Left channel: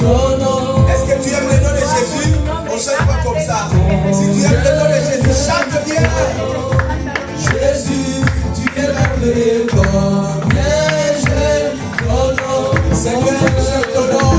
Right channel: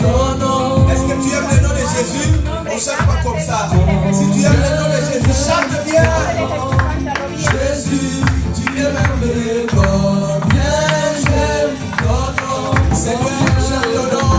Est-ce que tu aimes le nom de Jésus? On ne chante pas comme ça. Si tu aimes le nom de Jésus, chante bien. Jésus, tu es merveilleux, combien j'aime ton nom. Seigneur, j'aime ton nom.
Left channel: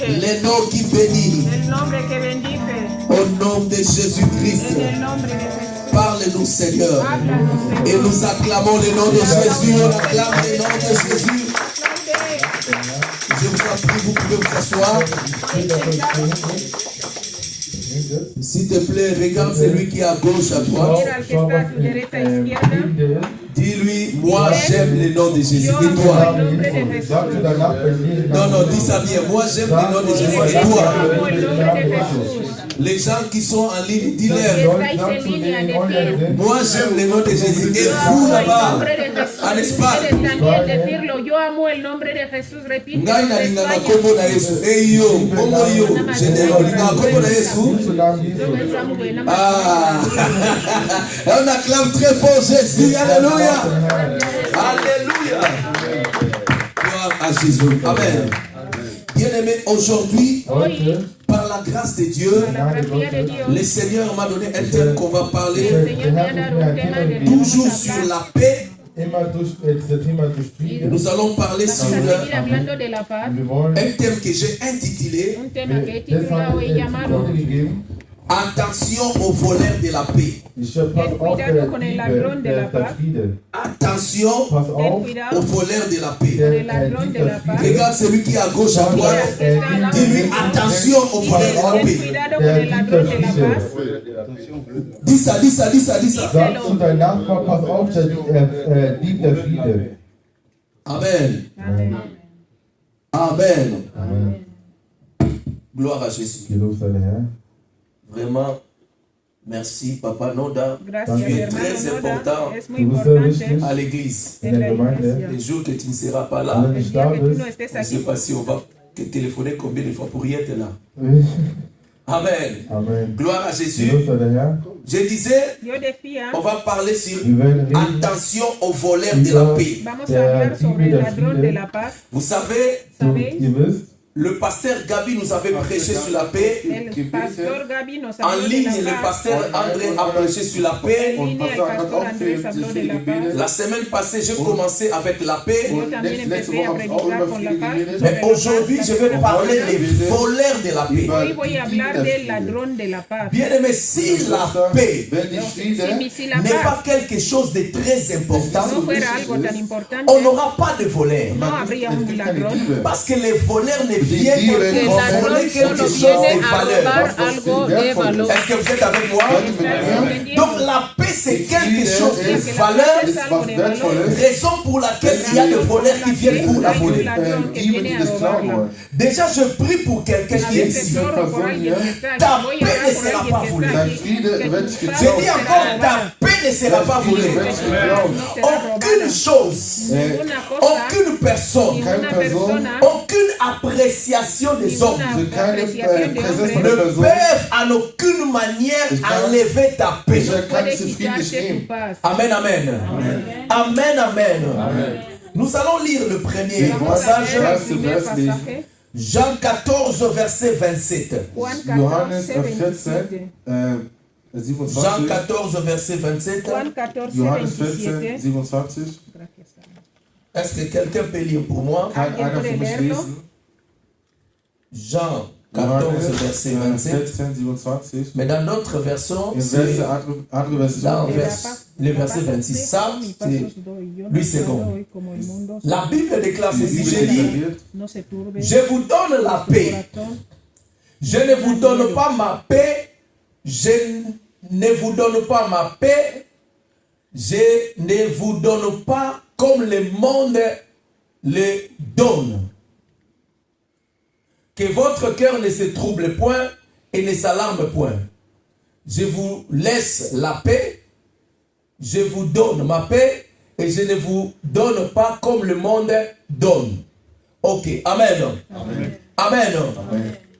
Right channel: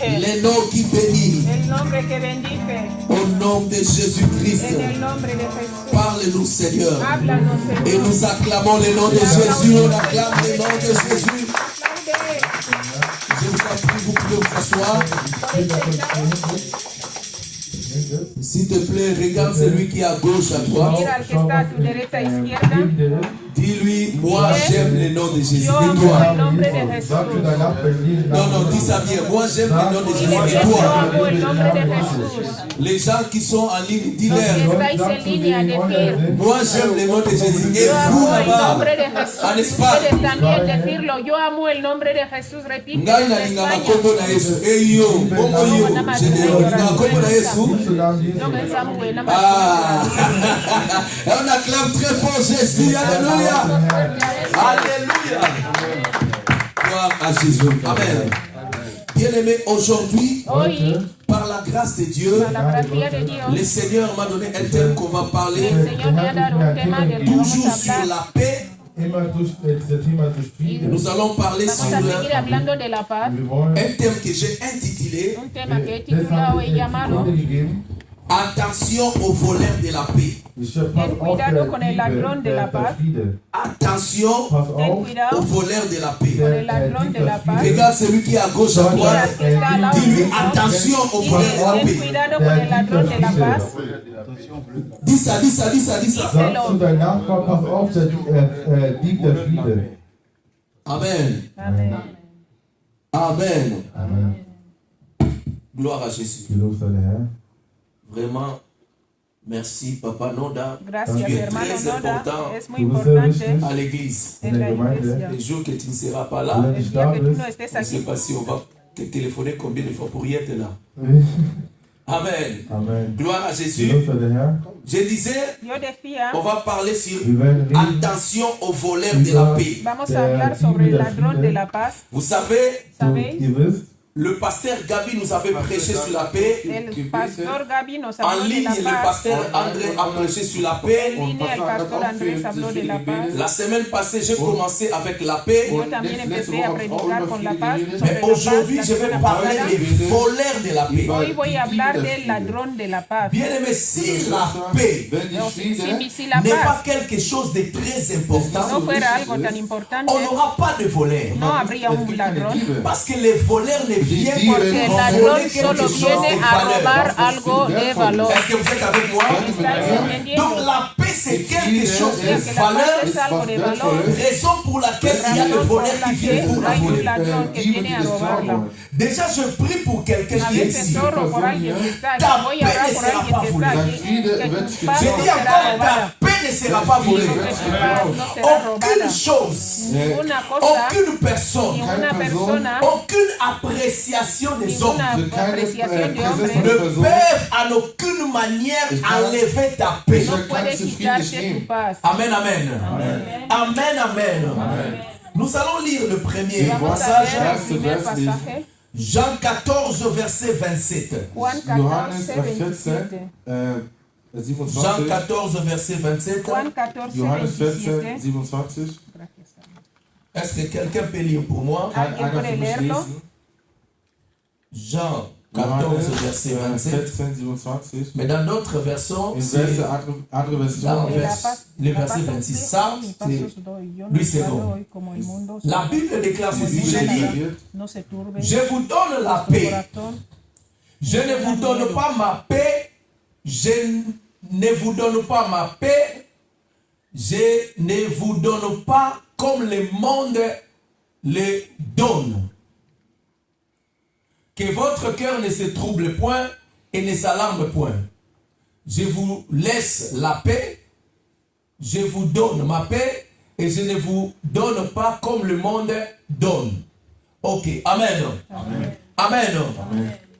Le nom qui bénit. Au nom de Jésus-Christ. Parle-nous, Seigneur. Et nous acclamons le nom de Jésus. On acclame le nom de Jésus. Je vous en prie, vous pouvez vous asseoir. S'il te plaît, regarde celui qui est à gauche, à droite. Dis-lui, moi j'aime le nom de Jésus. Et toi? Non, dis ça bien. Moi j'aime le nom de Jésus. Et toi? Les gens qui sont en ligne, dis-leur. Moi j'aime le nom de Jésus. Et vous là-bas, en Espagne. Ah, on acclame très fort Jésus. Alléluia. Alléluia. Gloire à Jésus. Amen. Bien-aimé, aujourd'hui, par la grâce de Dieu, le Seigneur m'a donné un thème qu'on va parler toujours sur la paix. Nous allons parler sur un thème que j'ai intitulé Attention aux voleurs de la paix. Attention aux voleurs de la paix. Regarde celui qui est à gauche, à droite. Dis-lui attention aux voleurs de la paix. Dis ça. Sag zu deinem Nachbar, pass auf, der Dieb der Friede. Amen. Amen. Amen. Gloire à Jésus. Gelobt sei der Herr. Vraiment, Merci, Papa Noda. Gracias, Tu es hermano très Noda. important Es muy Du bist sehr importante wichtig à l'église. in der Gemeinde. Les jours que tu ne seras pas Wenn là, du El nicht día da que tú no bist, estés je ne sais aquí, pas si on va te téléphoner combien de fois pour y être là. Amen. Amen. Gloire à Jésus. Gelobt sei der Herr. Je disais, yo decía, on va parler sur Wir werden reden attention aux voleurs de la paix. vamos a hablar sobre el ladrón de la paz. Vous savez, und ¿Sabéis? ihr wisst, le pasteur Gabi nous avait prêché sur la paix. El pastor Gabi nos En habló de ligne, la le paz. pasteur André a prêché sur la paix. En línea, el pastor Andrés habló de la paz. La semaine passée, j'ai commencé avec la paix. Yo también empecé a predicar con la paz. Mais sobre la aujourd'hui, paz, je vais parler des voleurs de la paix. Hoy voy a hablar del ladrón de la paz. Bien aimé, si la paix wenn die Friede Si la n'est pas paz quelque chose de très no important, fuera algo tan importante, on n'aura pas de voleurs. no habría un ladrón. Parce que les voleurs ne viennent Porque pour el voler ladrón quelque solo chose viene de a robar valeur. algo de valor. Est-ce que vous êtes avec moi? ¿Estás entendiendo? Donc la paix, c'est quelque chose Que de la valeur, paz es algo de valor. raison pour laquelle il y a des voleurs qui viennent pour la Hay un voler. ladrón que viene a robarla. Déjà, je prie pour quelqu'un A qui est veces ici. oro por alguien que está aquí. Ta Voy a paix orar ne por sera alguien pas que volée. está aquí. Friede Que wird tu geklaut. paz J'ai no dit será encore, robada. ta paix ne sera pas Friede volée. wird geklaut. No será Aucune robada. chose, Ninguna cosa, aucune personne, ninguna persona, aucune appréciation des hommes ninguna keine apreciación de Präsenz hombre von der ne Person. peuvent en aucune manière enlever ta paix. Ich no kann puede zu viel quitarte nicht tu nehmen. paz. Amen, amen. Amen, amen. Nous allons lire le premier Vamos a passage. leer el Erste primer Vers lesen. pasaje. Jean 14, verset 27. Juan Johannes 14, 27. 14, Jean 27. 14, verset 27. Juan 14, Johannes 14, 27. 27. Est-ce que quelqu'un peut lire pour moi? Kann einer für mich lesen? Jean 14, Johannes verset 27. 14, 27. Mais dans notre version, In c'est welche andere dans Version? le verset 26. Ça, c'est lui second. La Bible déclare Die ceci. Bibel Je lis, deklariert, je vous donne la paix. Je ne vous donne pas ma paix. Je ne vous donne pas ma paix. Je ne vous donne pas comme le monde le donne. Que votre cœur ne se trouble point et ne s'alarme point. Je vous laisse la paix. Je vous donne ma paix et je ne vous donne pas comme le monde donne. Ok, amen. Amen.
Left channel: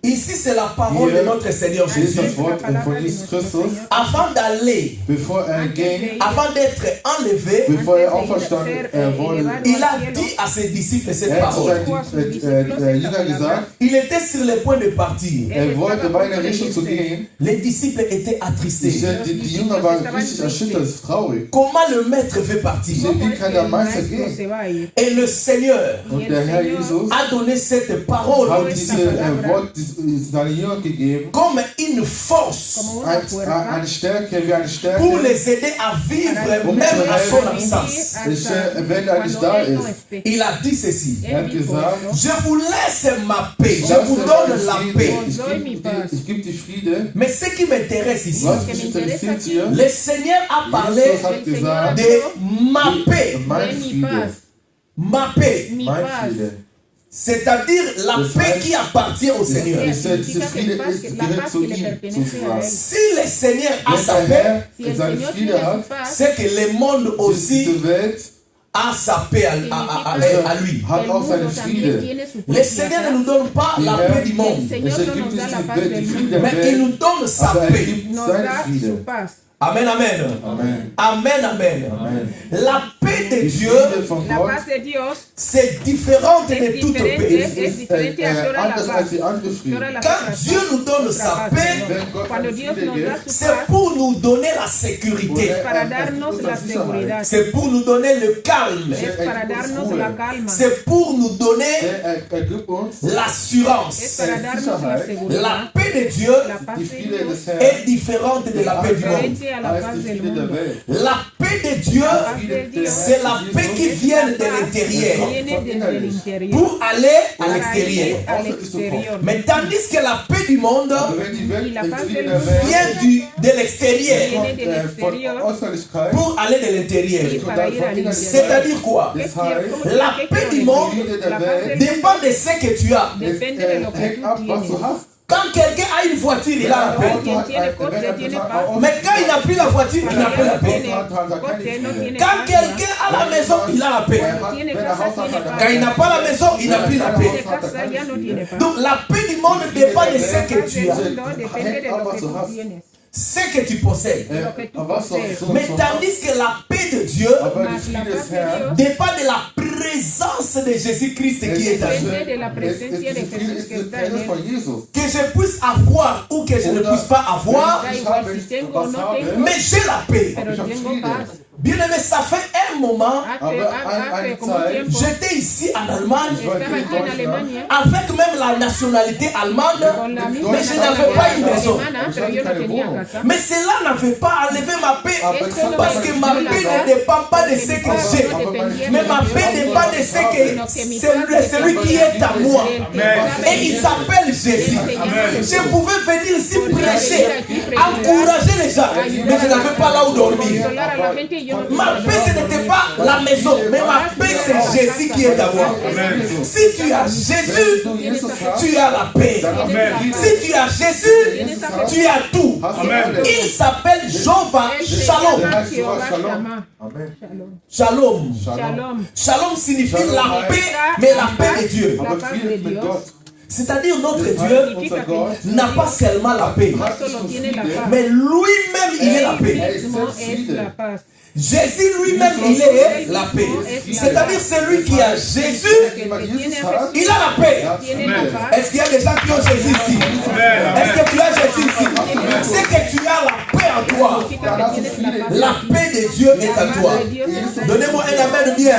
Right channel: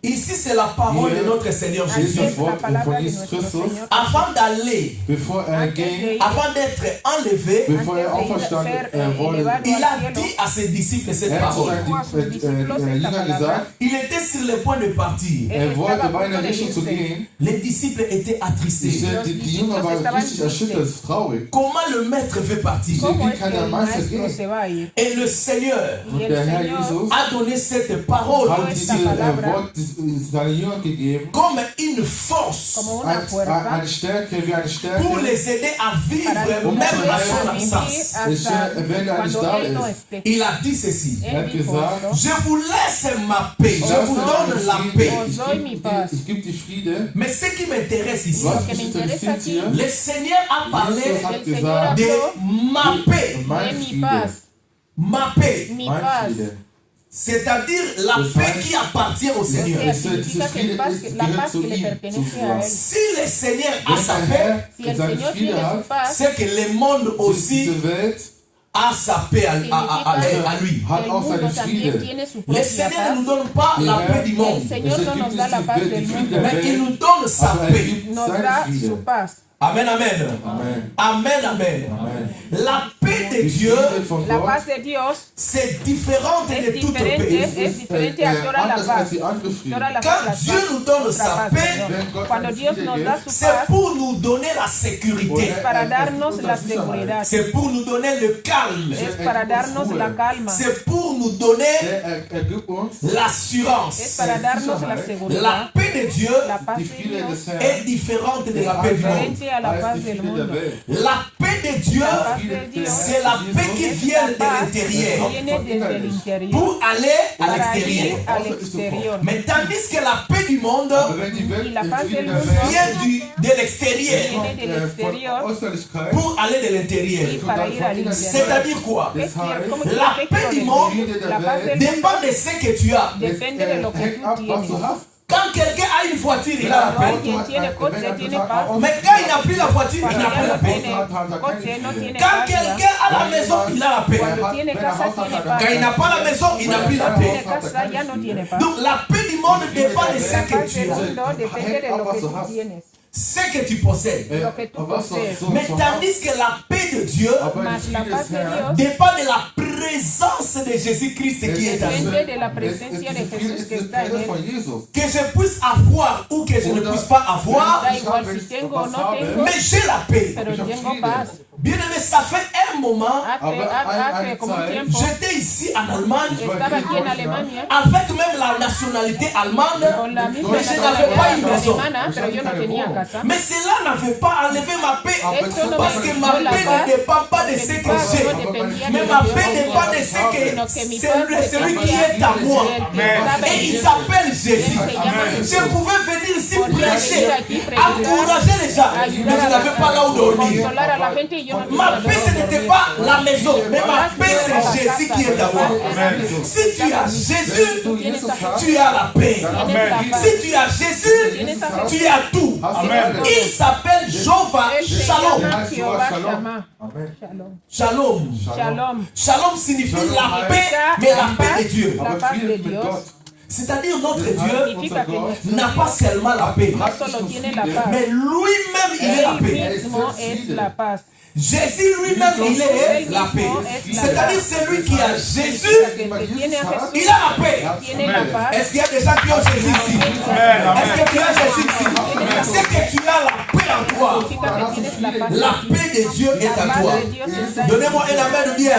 Ici, c'est la parole de notre Seigneur Hier ist Jésus. das Wort von Jesus Christus. Avant d'aller, Bevor ging, avant d'être enlevé, bevor auferstanden wurde, il a dit à ses disciples cette hat zu parole. seinen Jüngern gesagt, Il était sur le point de partir. war in eine Richtung zu gehen. Les disciples étaient attristés. Die Jünger waren richtig erschüttert, traurig. Comment le maître veut partir? Wie kann der Meister gehen? Et le Seigneur Und der Herr Jesus a donné cette parole aux hat diese disciples Wort seinen Jüngern gegeben, comme une force eine Stärke, wie eine Stärke, pour les aider à vivre même à son absence. wenn er nicht da ist. Il a dit ceci. Er hat gesagt, Je vous laisse ma paix, je vous donne la paix. ich gebe die Friede. Mais ce qui m'intéresse ici, Was mich interessiert hier, le Seigneur a parlé Jesus hat gesagt, de ma paix. mein Friede, Ma paix. mein Friede. C'est-à-dire la Das paix heißt, qui appartient au Seigneur. Diese Friede gehört zu ihm, sozusagen. Si le Seigneur a Wenn sa der paix, Herr seine Friede hat, c'est que le monde aussi diese Welt a sa paix à lui. hat auch seine Friede. Le Seigneur ne nous donne pas la paix du monde, Es gibt die Friede der mais il Welt, nous donne sa aber er paix. gibt seine Friede. Amen, amen. Amen. Amen, amen. La paix de Die Dieu, Friede von La Gott paz de Dios c'est différent de toute paix. ist anders als die andere Friede. Quand Dieu nous donne sa paix, Wenn Gott Cuando eine Dios Friede nos gibt, da su c'est paz, pour nous donner la sécurité. es para darnos la seguridad, C'est pour nous donner le calme. es para darnos la calma, C'est pour nous donner er gibt uns es l'assurance. para darnos la La seguridad. paix de Dieu La paz die de Friede Dios des Herrn est différente de la paix du monde. diferente a la als paz die del Friede der mundo. Welt. La paix de Dieu, Friede c'est la paix qui vient de l'intérieur Viene desde el interior pour aller à para ir l'extérieur. al exterior. Mais tandis que la paix du monde Wenn die Welt, Y la die paz Friede del der mundo Welt vient de l'extérieur viene del von exterior Äußerlichkeit, pour aller de y l'intérieur. para ir al interior. C'est-à-dire quoi? das heißt, La paix du monde La paz del dépend de ce que tu as. depende de lo que hängt tú ab, was du tienes. hast. Quand quelqu'un a une voiture, il a la paix. Quien tiene coche tiene paz. Mais quand il n'a plus la voiture, il n'a pas la paix. Coche no tiene Quand paz. quelqu'un a la maison, il a la paix. Cuando tiene casa tiene paz. Quand il n'a pas la maison, il n'a plus la Tiene paix. casa ya no tiene paz. Donc la paix du monde dépend de ce que tu as, Mundo depende de lo que tú tienes, ce que tu possèdes. lo que tú posees. Mais tandis que la paix de Dieu Aber die Mas la Friede paz des de Herrn, Dios dépend de la présence de Jésus-Christ qui est en nous. depende de la presencia de diese Friede Jesús ist que die está en Quelle von él. Jesus. Que je puisse avoir ou que je ne puisse pas avoir, Da igual si tengo o no tengo, mais j'ai la paix. pero tengo paz. Bien aimé, ça fait un moment, Hace como un tiempo j'étais ici en Allemagne estaba aquí en Alemania avec même la nationalité allemande, con la misma mais je n'avais pas une maison. alemana, pero yo no tenía casa. Mais cela n'avait pas enlevé ma paix, Esto no parce me que quitó ma la paix paz, ne dépend pas de ce porque mi que paz j'ai. no dependía Mais de ma lo que paix yo dépend de tenía, ce que sino que mi paz celui qui est à moi. Et il s'appelle Jésus. Je pouvais venir ici prêcher, encourager les gens, mais je n'avais pas là où dormir. consolar a la gente y yo no Ma paix, ce n'était pas la maison, mais ma paix, c'est Jésus qui est à moi. Si tu as Jésus, tu as la paix. Si tu as Jésus, tu as tout. Il s'appelle Jehovah Shalom. Jehová Shammah. Amen. Shalom. Shalom. Shalom. Shalom signifie la paix, mais la paix de Dieu. Aber Friede mit Gott. C'est-à-dire notre Dieu Significa que no n'a pas seulement la paix, solo tiene la paz, mais lui-même il est la él paix. mismo es la paz. Jésus lui-même il est la paix. C'est-à-dire celui qui a Jésus, Que el que tiene a Jesús il a la paix. tiene la paz. Est-ce qu'il y a des gens qui ont Jésus ici? Est-ce que tu as Jésus ici? C'est que tu as la paix en toi. Significa que tienes la paz. La paix de Dieu est en toi. Donnez-moi un amen bien.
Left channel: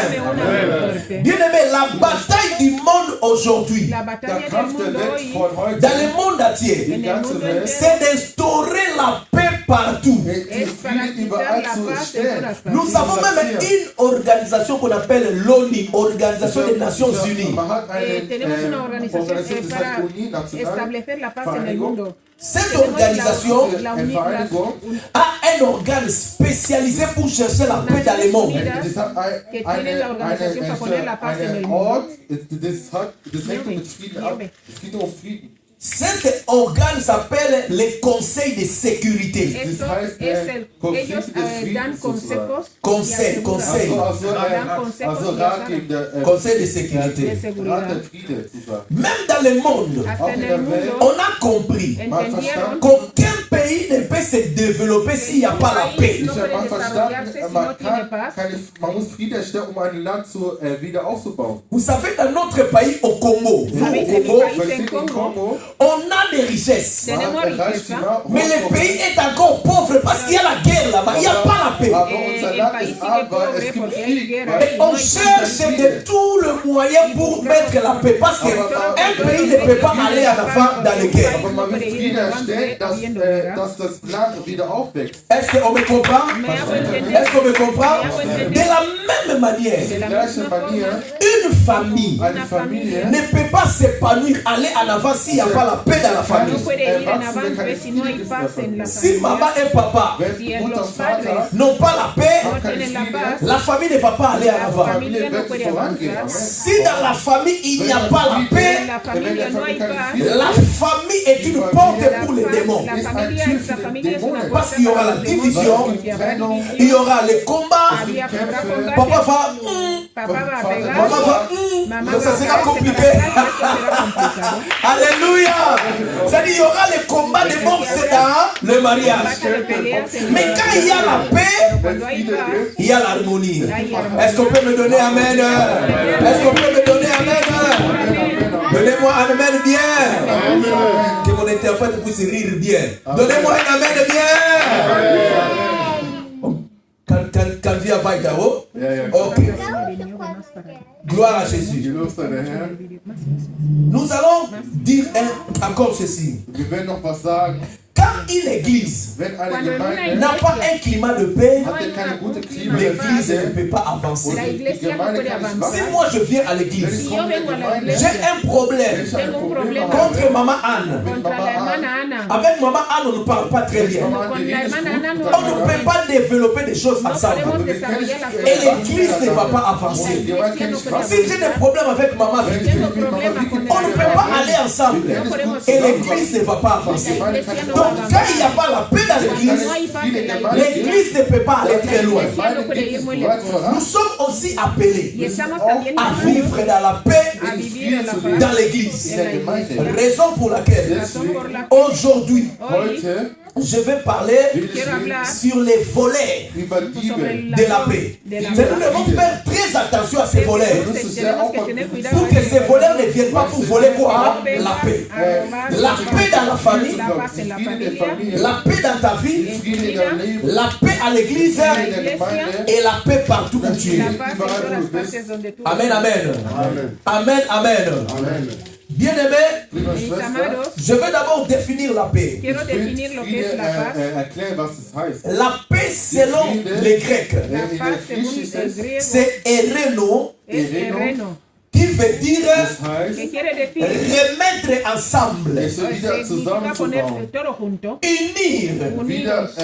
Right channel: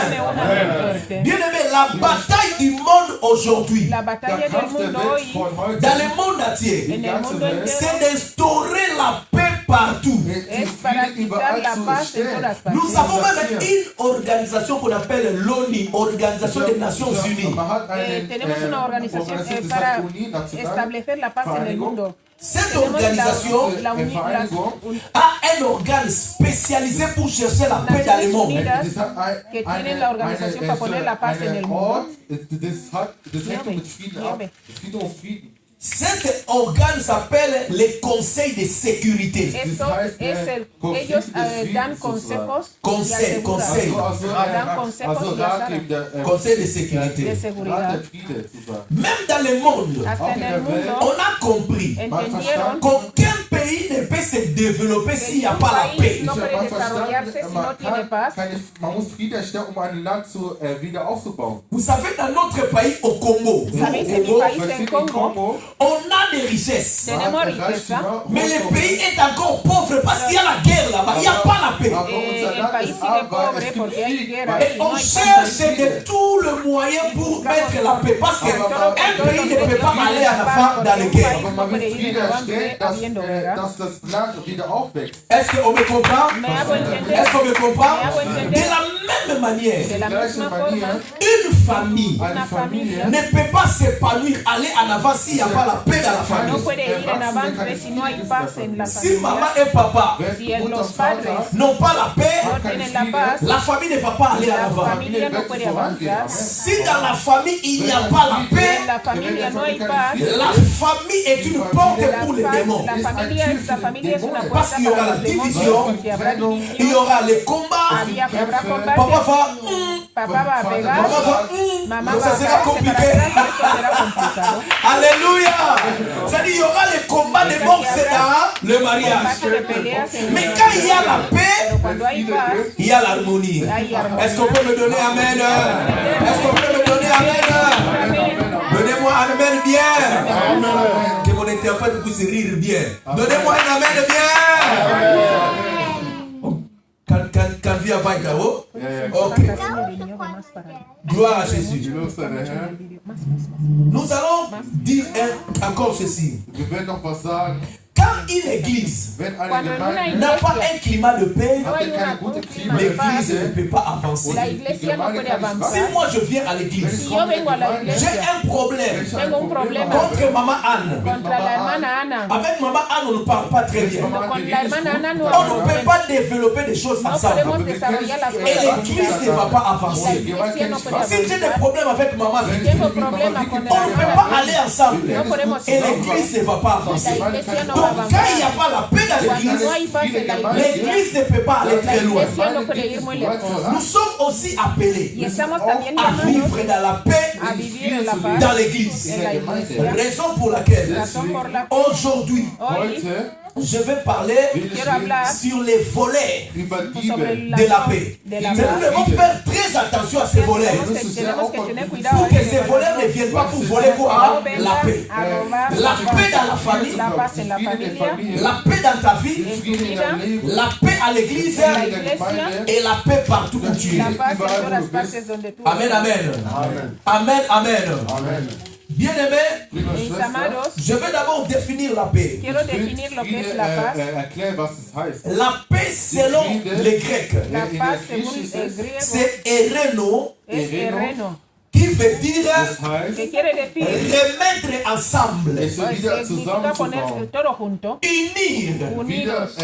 Bien aimé, la bataille du monde aujourd'hui, La batalla Der del Kampf der mundo Welt hoy, von heute, dans le monde entier, die ganze Welt, c'est d'instaurer la paix partout. die Friede überall zu stellen. Nous avons même une organisation qu'on appelle l'ONU, Organisation des Nations Unies. Man hat eine tenemos una organización Organisation, das para heißt Uni, national, establecer la paz en el Vereinigung. mundo. Cette Tenemos organisation la Eine Vereinigung, a un organe spécialisé pour chercher la paix dans le monde. das hat que tienen la organización para poner la paz en el einen mundo. Ort, das hängt mit Frieden ab. Frieden um Frieden. Cet organe s'appelle le Conseil de sécurité. Esto es el, ellos dan consejos y Conseil, aseguran. conseil. Dan consejos Also y Ratgeber, Conseil de de sécurité. Rat seguridad. der Friede sozusagen. Même dans le monde, Hasta en el on mundo a compris entendieron qu'aucun pays ne peut se développer s'il n'y a pas la paix. no puede desarrollarse si no tiene paz. Man muss Frieden erstellen, um ein Land wieder aufzubauen. Vous savez, dans notre pays, au Congo, nous, Sabes, au en mi Congo, país, Wenn en Sie Congo, on a des richesses. tenemos riqueza. Mais le pays est encore pauvre parce qu'il y a la guerre là-bas, il n'y a pas la paix. Aber unser Land ist arm, weil es gibt Krieg. Et on cherche de tout le moyen pour mettre la paix. Parce qu'un pays ne peut pas aller en avant dans les guerres. Aber man will Frieden erstellen, dass das Land wieder aufwächst. Est-ce qu'on me comprend? Me hago entender. Est-ce qu'on me comprend? De la même manière, De la Gleiche misma forma, Manier, une famille eine Familie ne peut pas s'épanouir, aller en avant s'il n'y a pas la paix dans la no famille. puede ir en avance si no hay paz en la Si maman familia. et papa wenn Mutter und Vater n'ont pas la paix, keine Tienen la Friede, paz. la famille ne va pas aller en La avant. familia no puede avanzar. Si dans la famille il n'y a pas la paix, En la familia no hay paz. la famille est une porte pour les démons. La familia es una Parce qu'il y aura la division, il y aura les combats. Papa va, Papá va a pegar. maman va, Mamá donc va ça a sera pegar, compliqué. esto será complicado. Alléluia. C'est-à-dire il y aura les combats de boxe dans le mariage. Mais quand il y a la paix, Cuando hay paz, il y a l'harmonie. Est-ce qu'on peut me donner amen? Est-ce qu'on peut me donner amen? Donnez-moi un amen bien. Que mon interprète puisse rire bien. Donnez-moi un amen bien. Quand vient Vaigaro, Ja, ja. ok. Gloire à Jésus. Gelobt sei der Herr. Nous allons dire encore ceci. Wir werden noch was sagen. Quand une église Wenn eine Cuando en una Gemeinde n'a pas un climat de paix, no hat hay keine un gute Klima der l'église ne Friede peut pas avancer. La und die iglesia no Gemeinde puede kann nicht avanzar. Si wachsen. moi je viens à Wenn l'église, ich komme in vengo a die la Gemeinde, j'ai un problème wenn ich ein Tengo un Problem problema. habe, contre Maman Anne. mit Contra Mama la hermana Anne, Ana. Avec Maman Anne, on ne parle pas très bien. Mama Anne, Con die la Rede ist hermana gut, Ana mit no On ne Mama peut pas développer des choses No ensemble. podemos Wir können desarrollar las nicht, Et cosas. l'église ne va pas und avancer. die Gemeinde kann nicht Si wachsen. j'ai des problèmes avec Maman Wenn Vicky, ich Tengo mit Mama problema Vicky con on ne peut pas la aller ensemble. Wir können podemos nicht Et gut l'église ne va pas Die avancer. Gemeinde kann nicht Donc wachsen. quand il n'y a pas la paix dans l'église, l'église ne peut pas aller très loin. Nous sommes aussi appelés Y estamos también à llamados vivre dans la paix a vivir en la paz dans l'église. en la iglesia. Raison pour laquelle Razón por la aujourd'hui hoy Heute je vais parler quiero hablar sur les volets über sobre Diebe. de la paix. de la Mais nous paz. devons faire très attention à ces volets Tenemos que tener cuidado pour que ces volets ne viennent pas pour voler quoi? La paix. La paix dans la famille, la paz en la Friede in der familia, Familie, la paix dans ta vie, Friede in deinem Leben, la paix à l'église Friede in der Gemeinde, et la paix partout où tu es. la paz en todas las partes donde tú Amen, amen. Amen. Amen, amen. Amen. Bien-aimés, Liebe Mis Schwester, amados, je vais d'abord définir la paix. quiero ich will definir lo que Friede es la paz. erklären, was es heißt. La paix selon les Grecs, La In der paz según Griechisch ist el es, griego c'est ereno, es terreno, qui veut dire das heißt, que quiere decir remettre ensemble, es wieder significa poner zusammenzubauen. todo junto, unir, unidos,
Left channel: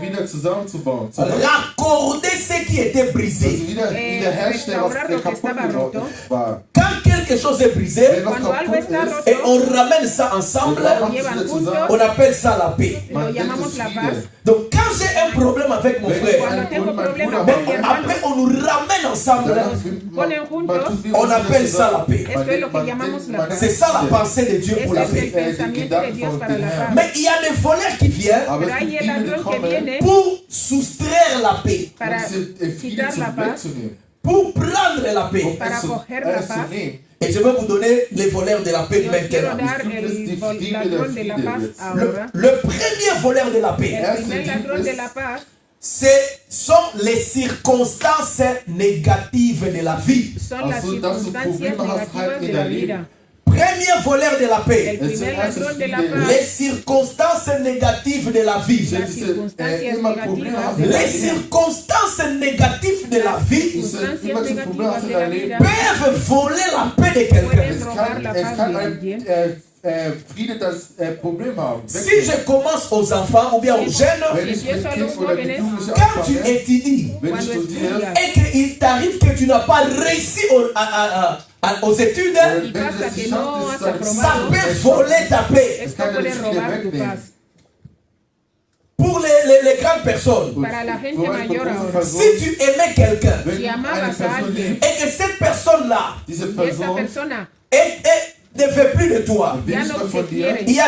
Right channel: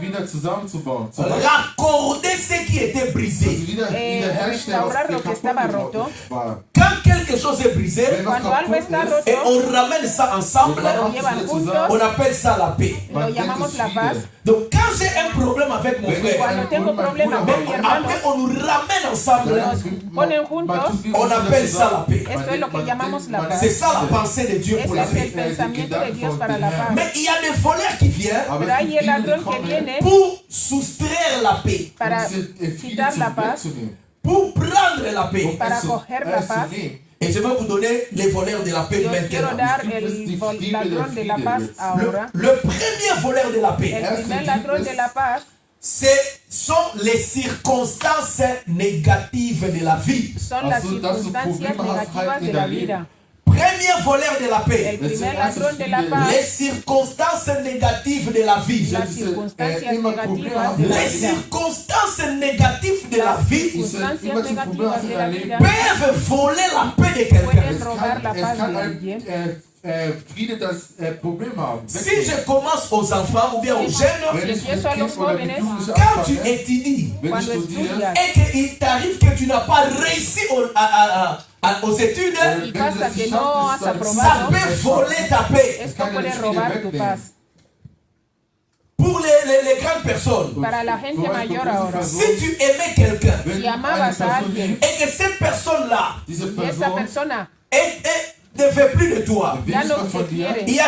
Wieder zusammenzubauen. raccorder ce qui était Also brisé. wiederherstellen, was restaurar lo que kaputt estaba geworden roto. war. Quand quelque chose est brisé Wenn was Cuando algo kaputt está ist, roto, et on ramène ça ensemble, dann llevan machen sie juntos. zusammen. on appelle ça la paix. lo Man nennt llamamos es la Friede. paz. Donc quand j'ai un problème avec mon Wenn ich frère, einen tengo Grund mit problema meinem con Bruder mi habe, hermano, après on nous ramène ensemble, ponen juntos, on appelle ça la paix. Esto es lo que llamamos la paz. C'est ça la pensée de Dieu pour Ese la es el paix. pensamiento de Dios para la paz. Mais il y a des voleurs qui viennent Aber Pero es hay gibt el Dinge, die ladrón que kommen, viene pour soustraire la paix, para um Friede quitar la paz, wegzunehmen. pour prendre la paix. para coger la Es zu paz. nehmen. Et je vais vous donner les voleurs de la paix Quiero maintenant. dar el ladrón de la paz ahora. Le premier voleur de la paix, El primer ladrón de la paz sont les circonstances négatives de la vie. son las Also, dass du circunstancias Probleme hast, negativas halt de in la deinem vida. Leben. Premier voleur de la El paix, primer ladrón de la Les paz, les circonstances négatives de la vie. las circunstancias immer Probleme negativas hast de in la Les deinem vida. Leben. circonstances négatives de la vie Circunstancias immer zu Problemen negativas hast in de la deinem vida Leben. peuvent voler la paix de quelqu'un. pueden Es robar kann, la es paz kann de ein alguien. Friede das Problem haben. Si je commence aux enfants ou bien aux jeunes, Wenn ich mit Empiezo a Kind los oder mit jóvenes, Jugendlichen quand tu anfange, étudies wenn ich Cuando studiere, estudias. et qu'il t'arrive que tu n'as pas réussi aux études, wenn Y du pasa es que nicht no schaffst, has dass du ça aprobado, peut voler ta paix. esto Keine puede Friede robar tu wegnehmen. paz. Pour les grandes personnes, Para la gente Für mayor eine ahora, si tu aimais quelqu'un wenn Si du amabas eine a Person alguien, liebst, et que cette personne-là diese y esta Person persona ne fait plus de toi, will ya nicht no mehr te von dir. quiere, il y a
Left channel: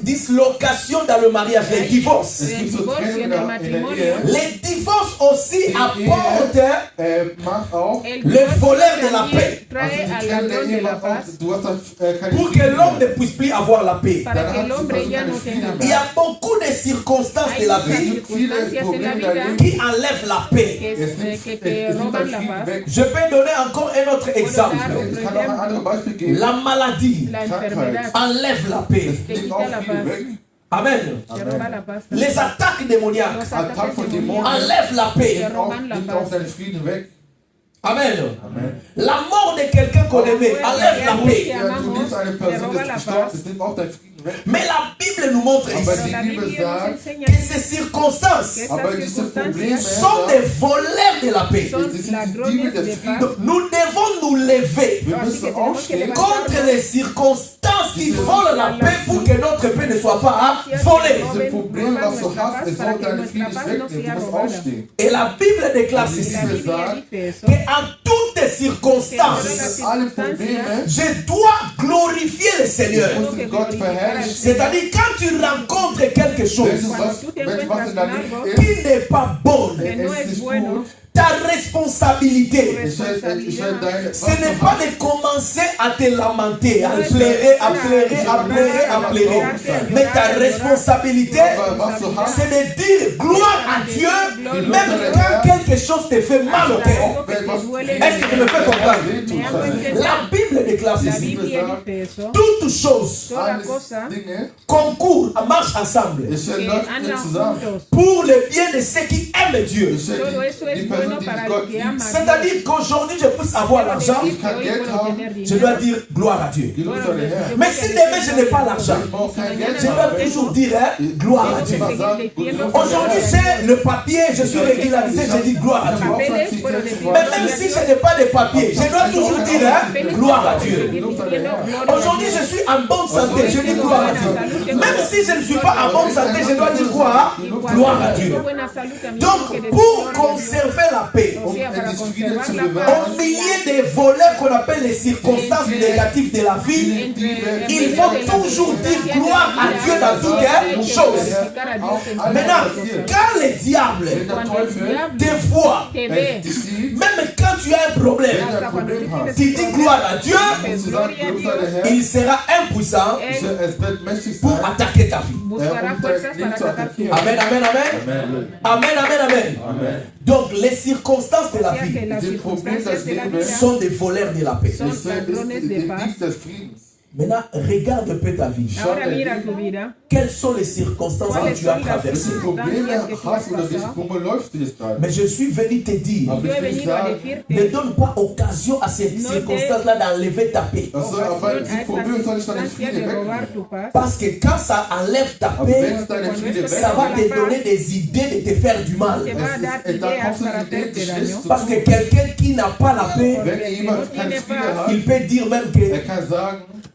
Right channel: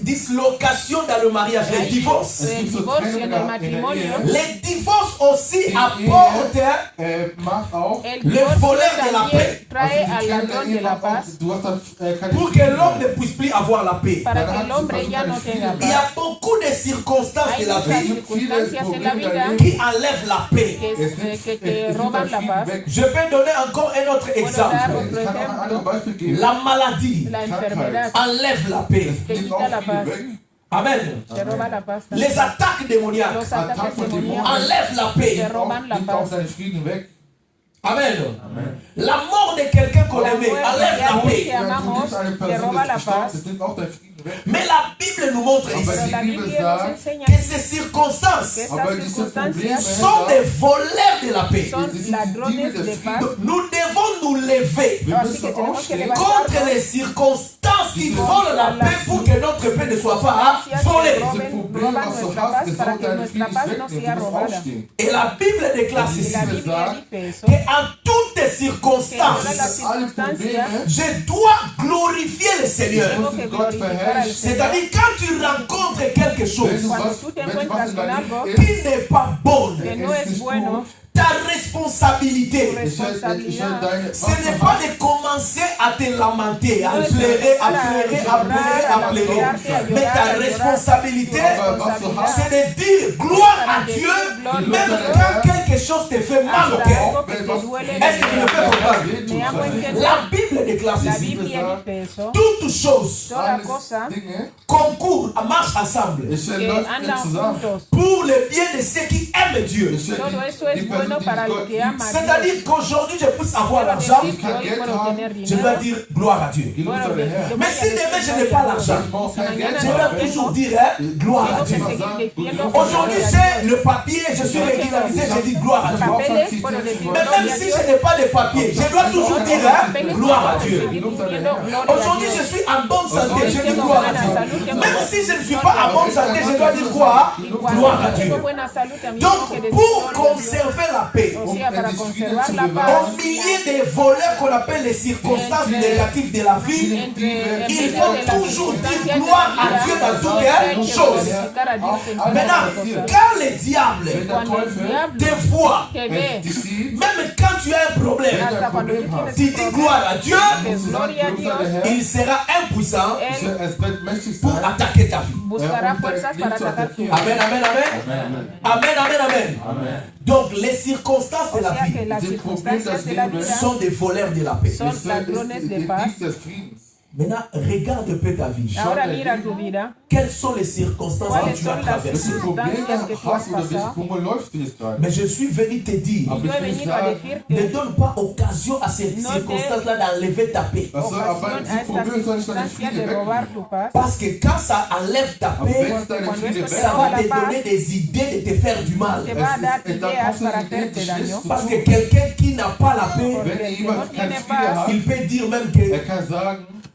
dislocation dans le mariage, les divorces. Es gibt so divorcio Trennung en el in der matrimonio. Ehe. Les divorces aussi apportent Macht auch, el Le divorcio voleur de la también paix. trae also die al Trennung ladrón der de Ehe la macht paz auch, du hast dann keine pour que Frieden l'homme mehr. ne puisse plus avoir la paix. para Dann que hat el die hombre Person ya keine no Frieden tenga Il mehr. y a beaucoup de circonstances Hay de la muchas vie circunstancias en la vida qui enlèvent la paix. que te roban la paz. Je peux donner encore un autre exemple. Ich kann auch ein anderes Beispiel geben. La maladie La enfermedad enlève la paix. te Nimmt quita auch la Frieden paz, weg. Amen. te roba la paz. Les attaques démoniaques Los Attack ataques von demoníacos Dämonen enlèvent la paix. nimmt auch seinen Frieden weg. Amen. La mort de quelqu'un qu'on aimait enlève la paix. Ja, du liebst eine Person, die ist gestorben, das nimmt auch deinen Frieden weg. Mais la Bible nous montre Aber ici die La Bibel Biblia nos sagt, enseña que que ces circonstances aber estas diese Probleme circunstancias sont des voleurs de la paix. son die sind die Diebe ladrones des de Friedens. paz. Nous devons nous lever Wir Así que müssen tenemos que aufstehen levantarnos contre les circonstances qui volent la paix pour que notre paix ne soit pas volée. diese Probleme, was du hast, es soll deinen Frieden nicht wegnehmen. Du musst aufstehen. Et la Bible déclare La ceci, Biblia dice eso, qu'en toutes circonstances, Dass alle Probleme, je dois glorifier le Seigneur. ich muss Gott verherrlichen. C'est-à-dire quand tu rencontres quelque Wenn chose du was in deinem Leben qui n'est pas bonne, que no es bueno, ta responsabilité. Ich will deine Ce n'est pas de commencer à te lamenter, à pleurer, à pleurer, à pleurer, à pleurer. Mais ta responsabilité, c'est de dire gloire à Dieu, même quand quelque chose te fait mal au cœur. Est-ce que tu me fais comprendre? La Bible déclare ceci. Toutes choses concourent, marchent ensemble pour le bien de ceux qui aiment Dieu. C'est-à-dire qu'aujourd'hui je puisse avoir l'argent, je dois dire gloire à Dieu. Mais si demain je n'ai pas l'argent, je dois toujours dire gloire à Dieu. Aujourd'hui j'ai le papier, je suis régularisé, je dis gloire à Dieu. Mais même si je n'ai pas de papier, je dois toujours dire gloire à Dieu. Aujourd'hui je suis en bonne santé, je dis gloire à Dieu. Même si je ne suis pas en bonne santé, je dois dire quoi? Gloire à Dieu. Donc pour conserver la paix, au milieu des voleurs qu'on appelle les circonstances négatives de la vie, il faut toujours dire gloire à Dieu dans toute chose. Maintenant, quand le diable te voit, même quand tu as un problème, tu dis gloire à Dieu, il sera impuissant pour attaquer ta vie. Amen, amen, amen. Amen, amen, amen. Donc les circonstances de la vie sont des voleurs de la paix. Maintenant, regarde un peu ta vie. Quelles sont les circonstances que tu as traversées? Mais je suis venu te dire, ne donne pas occasion à ces circonstances-là d'enlever ta paix. Parce que quand ça enlève ta paix, ça va te donner des idées de te faire du mal. Parce que quelqu'un qui n'a pas la paix, il peut dire même que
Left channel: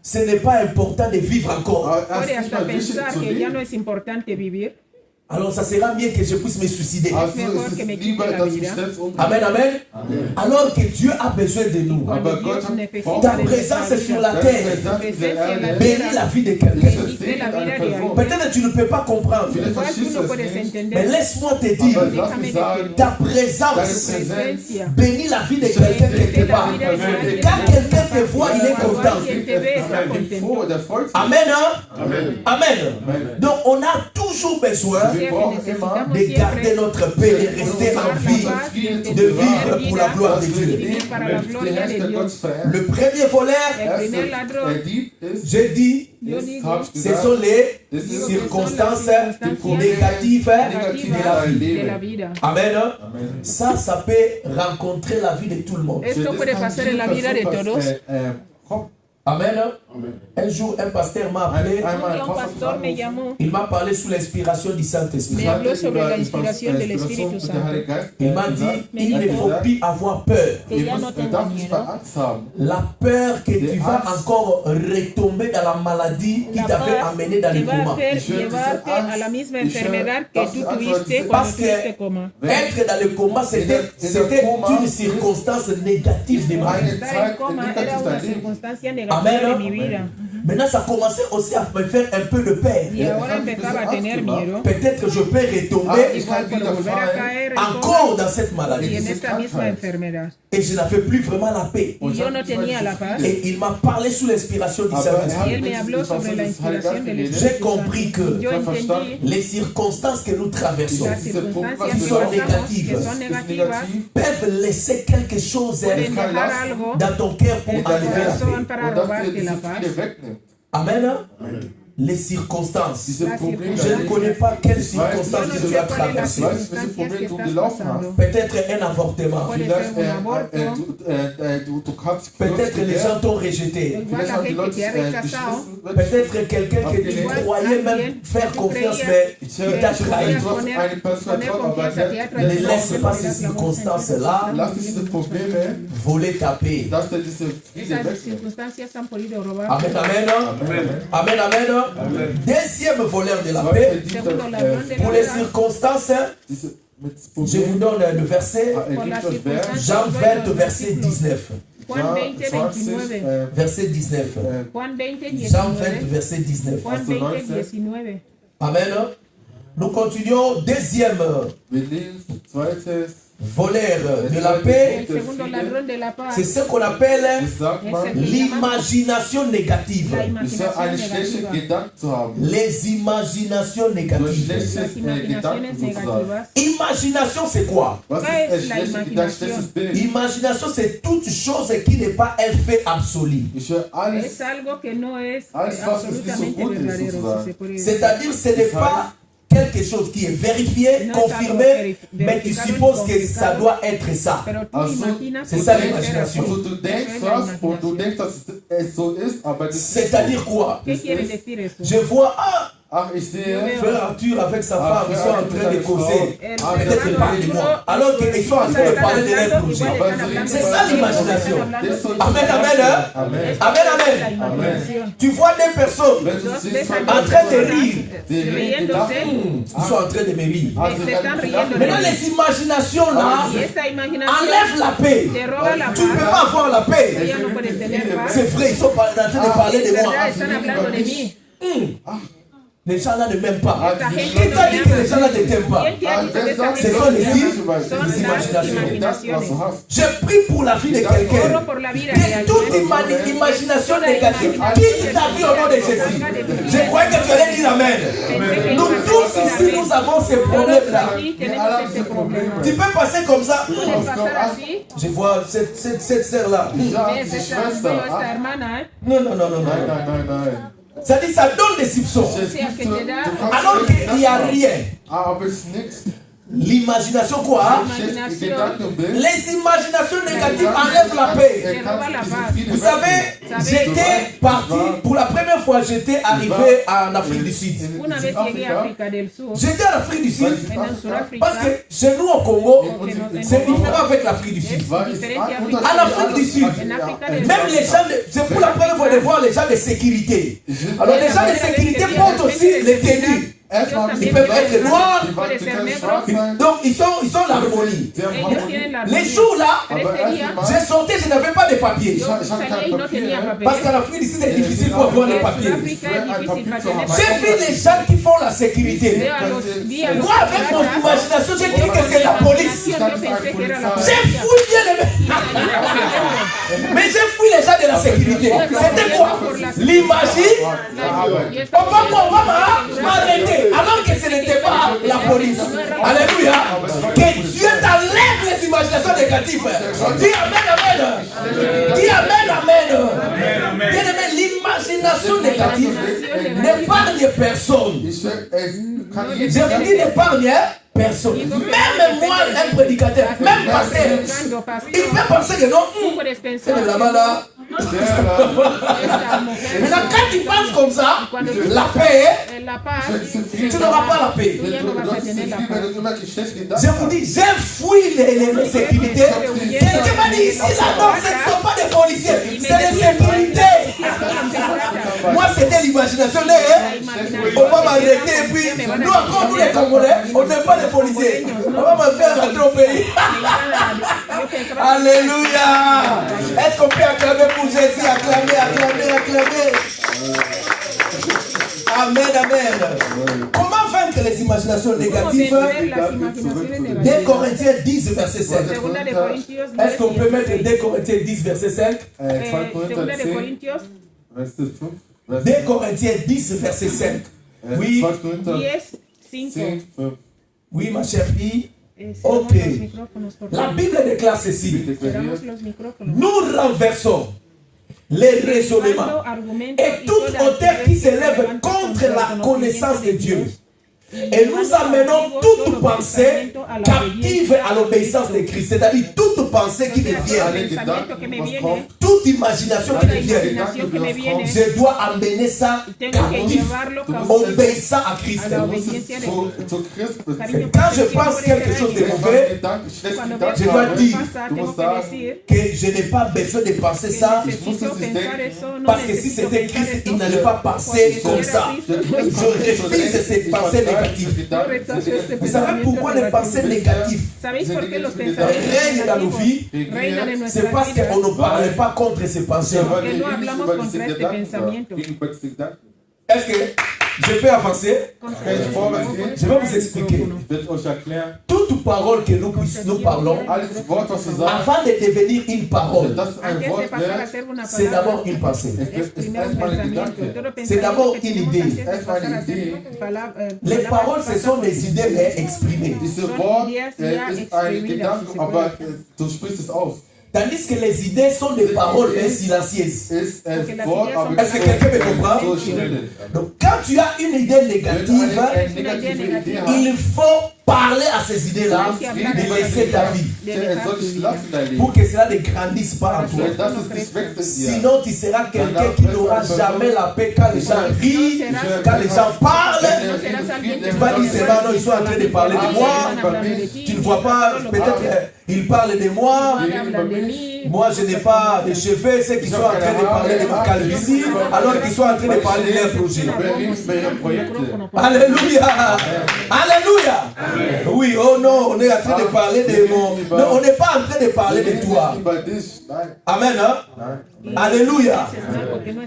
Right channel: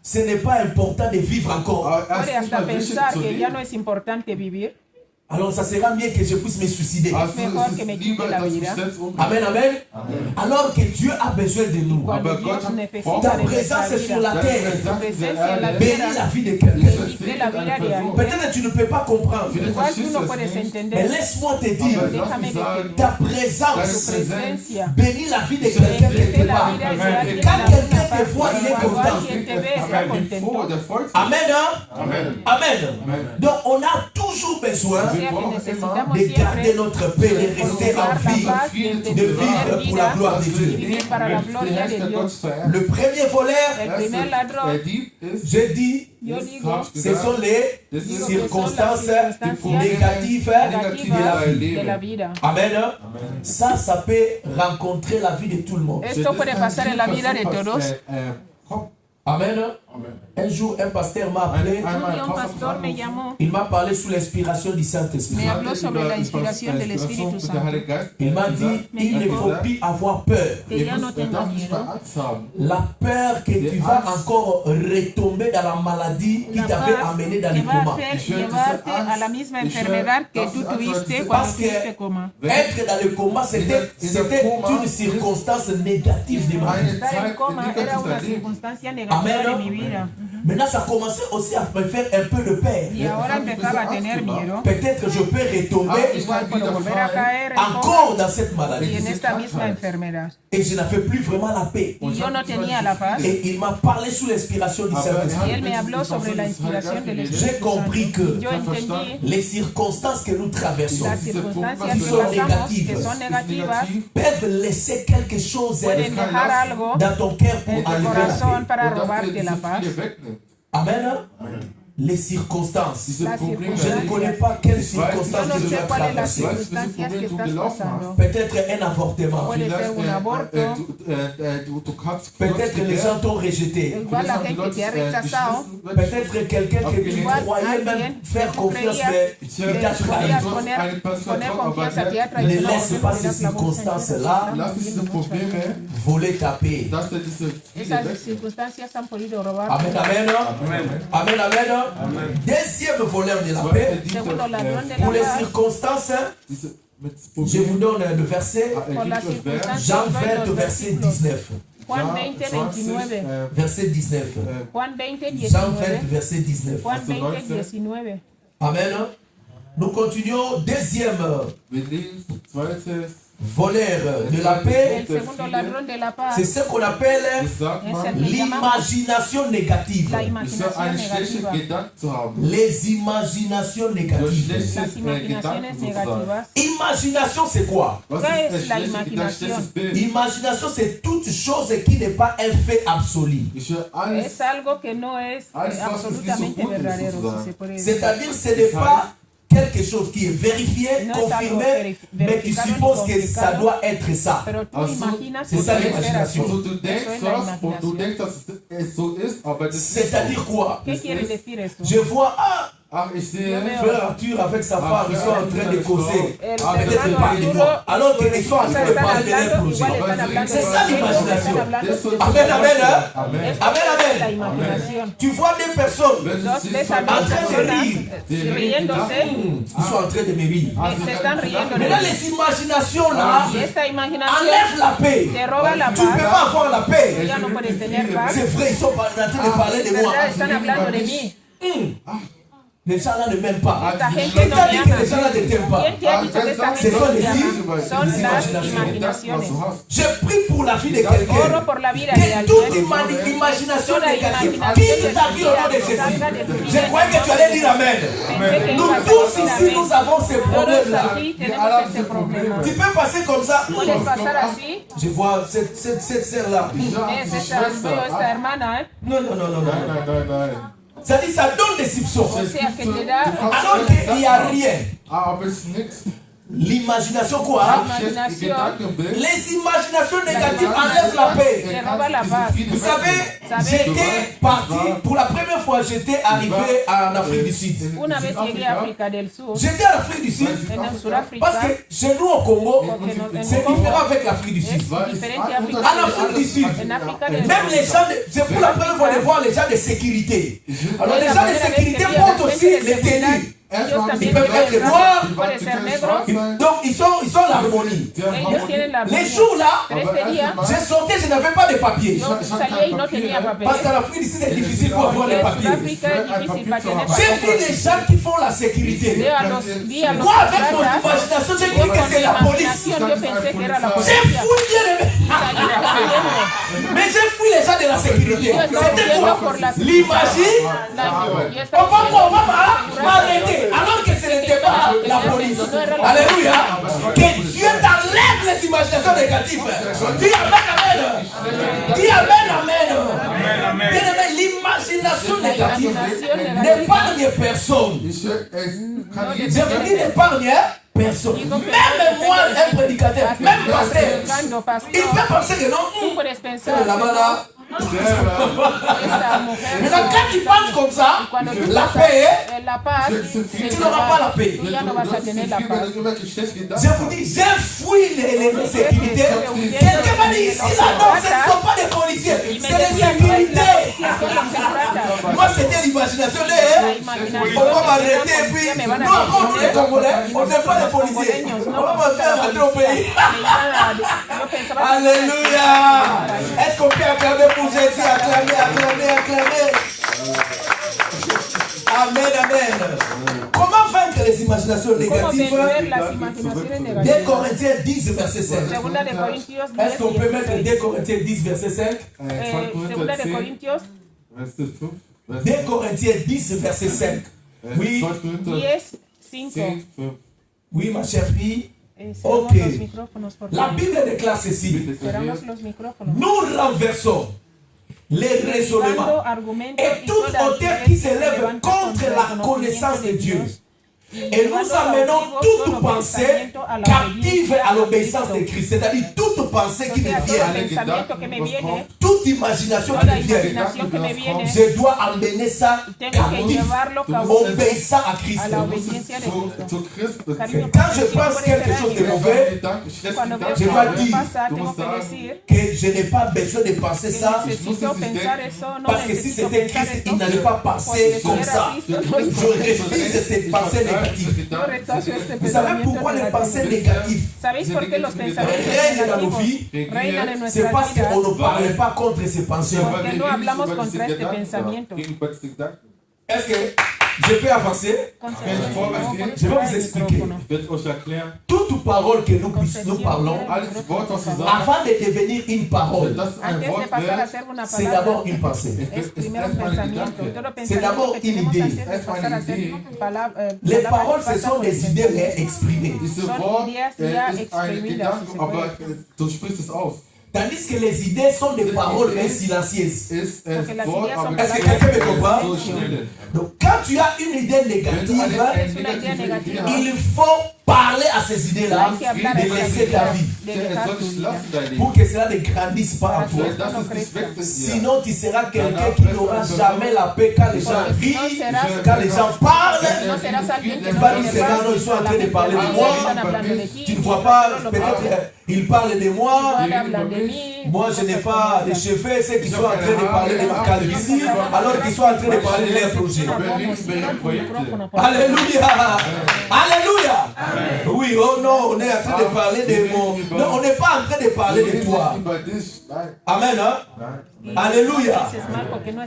ce n'est pas important de vivre encore. Alors ça sera mieux que je puisse me suicider. Amen, amen. Alors que Dieu a besoin de nous. Ta présence est sur la terre. Bénis la vie de quelqu'un. Peut-être tu ne peux pas comprendre. Mais laisse-moi te dire, ta présence bénis la vie de quelqu'un quelque part. Quand quelqu'un te voit, il est content. Amen, hein? Amen. Donc on a toujours besoin de garder notre paix, de rester en vie, de vivre pour la gloire de Dieu. Le premier voleur, j'ai dit, ce sont les circonstances négatives de la vie. Amen. Ça peut rencontrer la vie de tout le monde. Amen. Un jour, un pasteur m'a appelé. Il m'a parlé sous l'inspiration du Saint-Esprit. Il m'a dit, il ne faut plus avoir peur. La peur que tu vas encore retomber dans la maladie qui t'avait amené dans le coma. Parce que être dans le coma, c'était une circonstance négative de ma vie. Amen. Maintenant, ça commençait aussi à me faire un peu de peur. Peut-être que je peux retomber encore dans cette maladie. Et je n'avais plus vraiment la paix. Et il m'a parlé sous l'inspiration du Saint-Esprit. J'ai compris que les circonstances que nous traversons, qui sont négatives, peuvent laisser quelque chose dans ton cœur pour enlever la paix. Amen. Les circonstances. Je ne connais pas quelles circonstances tu dois traverser. Peut-être un avortement. Peut-être les gens t'ont rejeté. Peut-être quelqu'un que tu croyais même faire confiance, mais il t'a trahi. Ne laisse pas ces circonstances-là voler ta paix. Amen, amen. Amen, amen. Deuxième voleur de la paix, pour les circonstances, je vous donne le verset, Jean 20, verset 19. Verset 19. Jean 20, verset 19. Amen. Nous continuons. Deuxième voleur de la paix, El segundo ladrón de la paz c'est ce qu'on appelle Das sagt es man, el que llamamos l'imagination négative. la ist ja imaginación eine schlechte negativa. Gedanken zu haben. Les imaginations Durch négatives. schlechtes Las imaginaciones Gedanken sozusagen. negativas. Imagination, c'est quoi? Was ¿Qué ist es ein la schlechtes Gedanke, imaginación? schlechtes Bild? Imagination, c'est toute chose qui n'est pas un fait absolu. Ich höre alles, Es algo que no es alles was es nicht so absolutamente gut ist verdadero, sozusagen. si se puede decir. C'est-à-dire, ce n'est pas quelque chose qui est vérifié, confirmé, mais tu supposes que ça doit être ça. Pero tú Also, imaginas c'est que ça debe ser l'imagination. así. Also du Eso denkst es la was und du imaginación. denkst, dass es so ist, aber das ist C'est-à-dire quoi? ¿Qué quiere decir eso? Je vois, ah, Ach, ich sehe, frère Arthur avec sa femme, ils sont en train de causer. El Peut-être ils parlent de moi. Alors qu'ils sont en train de parler de leur projet. C'est ça l'imagination. Amen, amen, hein? Amen. Amen, amen. Imaginación. Tu vois des personnes Wenn du Dos siehst, ves von a en train de rire. riéndose. Ils sont en train de me rire. Se están riendo. Maintenant, les imaginations là Y esta imaginación enlèvent la paix. te roba la Tu ne peux paz. pas avoir la paix. Ya no puedes tener paz. C'est vrai, ils sont en train de parler de moi. ¿Verdad? Están hablando de mí. Les gens là ne m'aiment pas. Esta gente Qui no t'a me dit que ama. les gens là ne t'aiment pas? ¿Quién te ha dicho que esta Ce gente sont no les te ama? signes. Son las imaginaciones. Je prie pour la vie de quelqu'un. Oro por la vida de Que toute alguien. imagination négative quitte ta vie au nom de Jésus. Je croyais que tu allais dire Amen. Nous tous ici, nous avons ces problèmes-là. Sí, tenemos este problema. Tu peux passer comme ça. Puedes pasar así. Je vois cette sœur-là. Es esta hermana, Non, non, non, non, Nein, non. nein, nein, nein. Ça dit, ça donne des soupçons. o sea, que te da Alors qu'il n'y a rien. Aber es ist nichts. L'imagination quoi? Schlechtes Gedankenbild. Les imaginations négatives enlèvent la paix. te roba la paz. Vous savez, j'étais parti, pour la première fois, j'étais arrivé en Afrique du Sud. Una vez llegué a África del Sur, J'étais en Afrique du Sud en Sudáfrica, parce que chez nous au Congo, c'est différent avec l'Afrique du Sud. En Afrique du Sud, même les gens, c'est pour la première fois de voir les gens de sécurité. Alors les gens de sécurité portent aussi les tenues. Ils peuvent être noirs, donc ils sont l'harmonie. ellos tienen la Les jours là, Pero este día j'ai sorti, je n'avais pas de papier. salía y no tenía papel. Parce qu'en Afrique du Sud, c'est difficile pour avoir les En papiers. Sudáfrica es difícil para tener J'ai papel. vu les gens qui font la sécurité. Veo a los días, Moi, avec mon imagination, j'ai cru que c'est la police. yo pensé que era la J'ai policía. fouillé mais j'ai fouillé les gens de la sécurité. C'était quoi? L'imagine. On va m'arrêter alors que ce n'était pas la police. Alléluia. Que Dieu t'enlève les imaginations négatives. Dis Amen, Amen. Dis Amen, Amen. Bien-aimé, l'imagination négative n'épargne personne. Je vous dis n'épargne personne. Même moi, un prédicateur, même pasteur, il peut penser que non, Puedes c'est pensar là-bas là. esta mujer Maintenant, quand tu penses comme ça, la paix, en la paz, tu n'auras pas la paix. ya no vas a tener la paz. Je vous dis, j'ai fouillé les sécurités. Quelqu'un m'a dit ici, là, non, ce ne sont pas des policiers, c'est les sécurités. Moi, c'était l'imagination. On va m'arrêter et puis, nous, encore, nous les Congolais, on n'est pas des policiers. On va me faire rentrer au pays. Alléluia. Est-ce qu'on peut acclamer pour Jésus? Acclamer, acclamer, acclamer. Amen, amen. Comment vaincre les imaginations négatives? 2 Corinthiens 10, verset 5. Est-ce qu'on peut mettre 2 Corinthiens 10, verset 5? 2 Corinthiens 10, verset 5. Oui, 10, 5. oui, ma chère fille. Ok. La Bible déclare ceci. Cerramos los micrófonos. Nous renversons les raisonnements et toute hauteur qui s'élève contre la connaissance de Dieu. Et nous amenons toute pensée captive à l'obéissance de Christ. C'est-à-dire toute pensée qui me vient, toute imagination qui me vient, je dois amener ça captif, obéissant à Christ. Quand je pense quelque chose de mauvais, je dois dire que je n'ai pas besoin de penser ça, parce que si c'était Christ, il n'allait pas passer comme ça. Je refuse cette pensée négative. Vous savez pourquoi les pensées négatives règnent dans nos vies? C'est parce qu'on ne parle pas contre ces pensées. Est-ce que je peux avancer? Je vais vous expliquer. Toute parole que nous parlons, Alles Wort, was wir sagen, avant de devenir une parole, das ist ein Wort, c'est d'abord une pensée. ist erstmal ein Gedanke. C'est d'abord une idée. Erstmal eine Idee. Les paroles, ce sont des idées mais exprimées. Diese Wort ist ein Gedanke, aber du sprichst es aus. Tandis que les idées sont des paroles mais silencieuses. Ist Wort, aber Est-ce que quelqu'un me comprend? so stille. Donc quand tu as une idée négative, Eine negative Idee hat, il faut parler à ces idées-là, de laisser ta vie, soll ich lassen dein Leben. pour que cela ne grandisse pas en toi. Das ist nicht weg von dir. Sinon, tu seras quelqu'un qui n'aura jamais la paix quand les gens rient, quand les gens parlent. Tu vas dire, c'est non, ils sont en train de parler de moi. Tu ne vois pas, peut-être ils parlent de moi. Moi, je n'ai pas de cheveux. Ceux qui sont en train de parler de ma calvitie, alors qu'ils sont en train de parler de leur projet. Alléluia. Alléluia. Oui, oh non, on est en train de parler de mon... Non, on n'est pas en train de parler de toi. Amen, hein? Alléluia.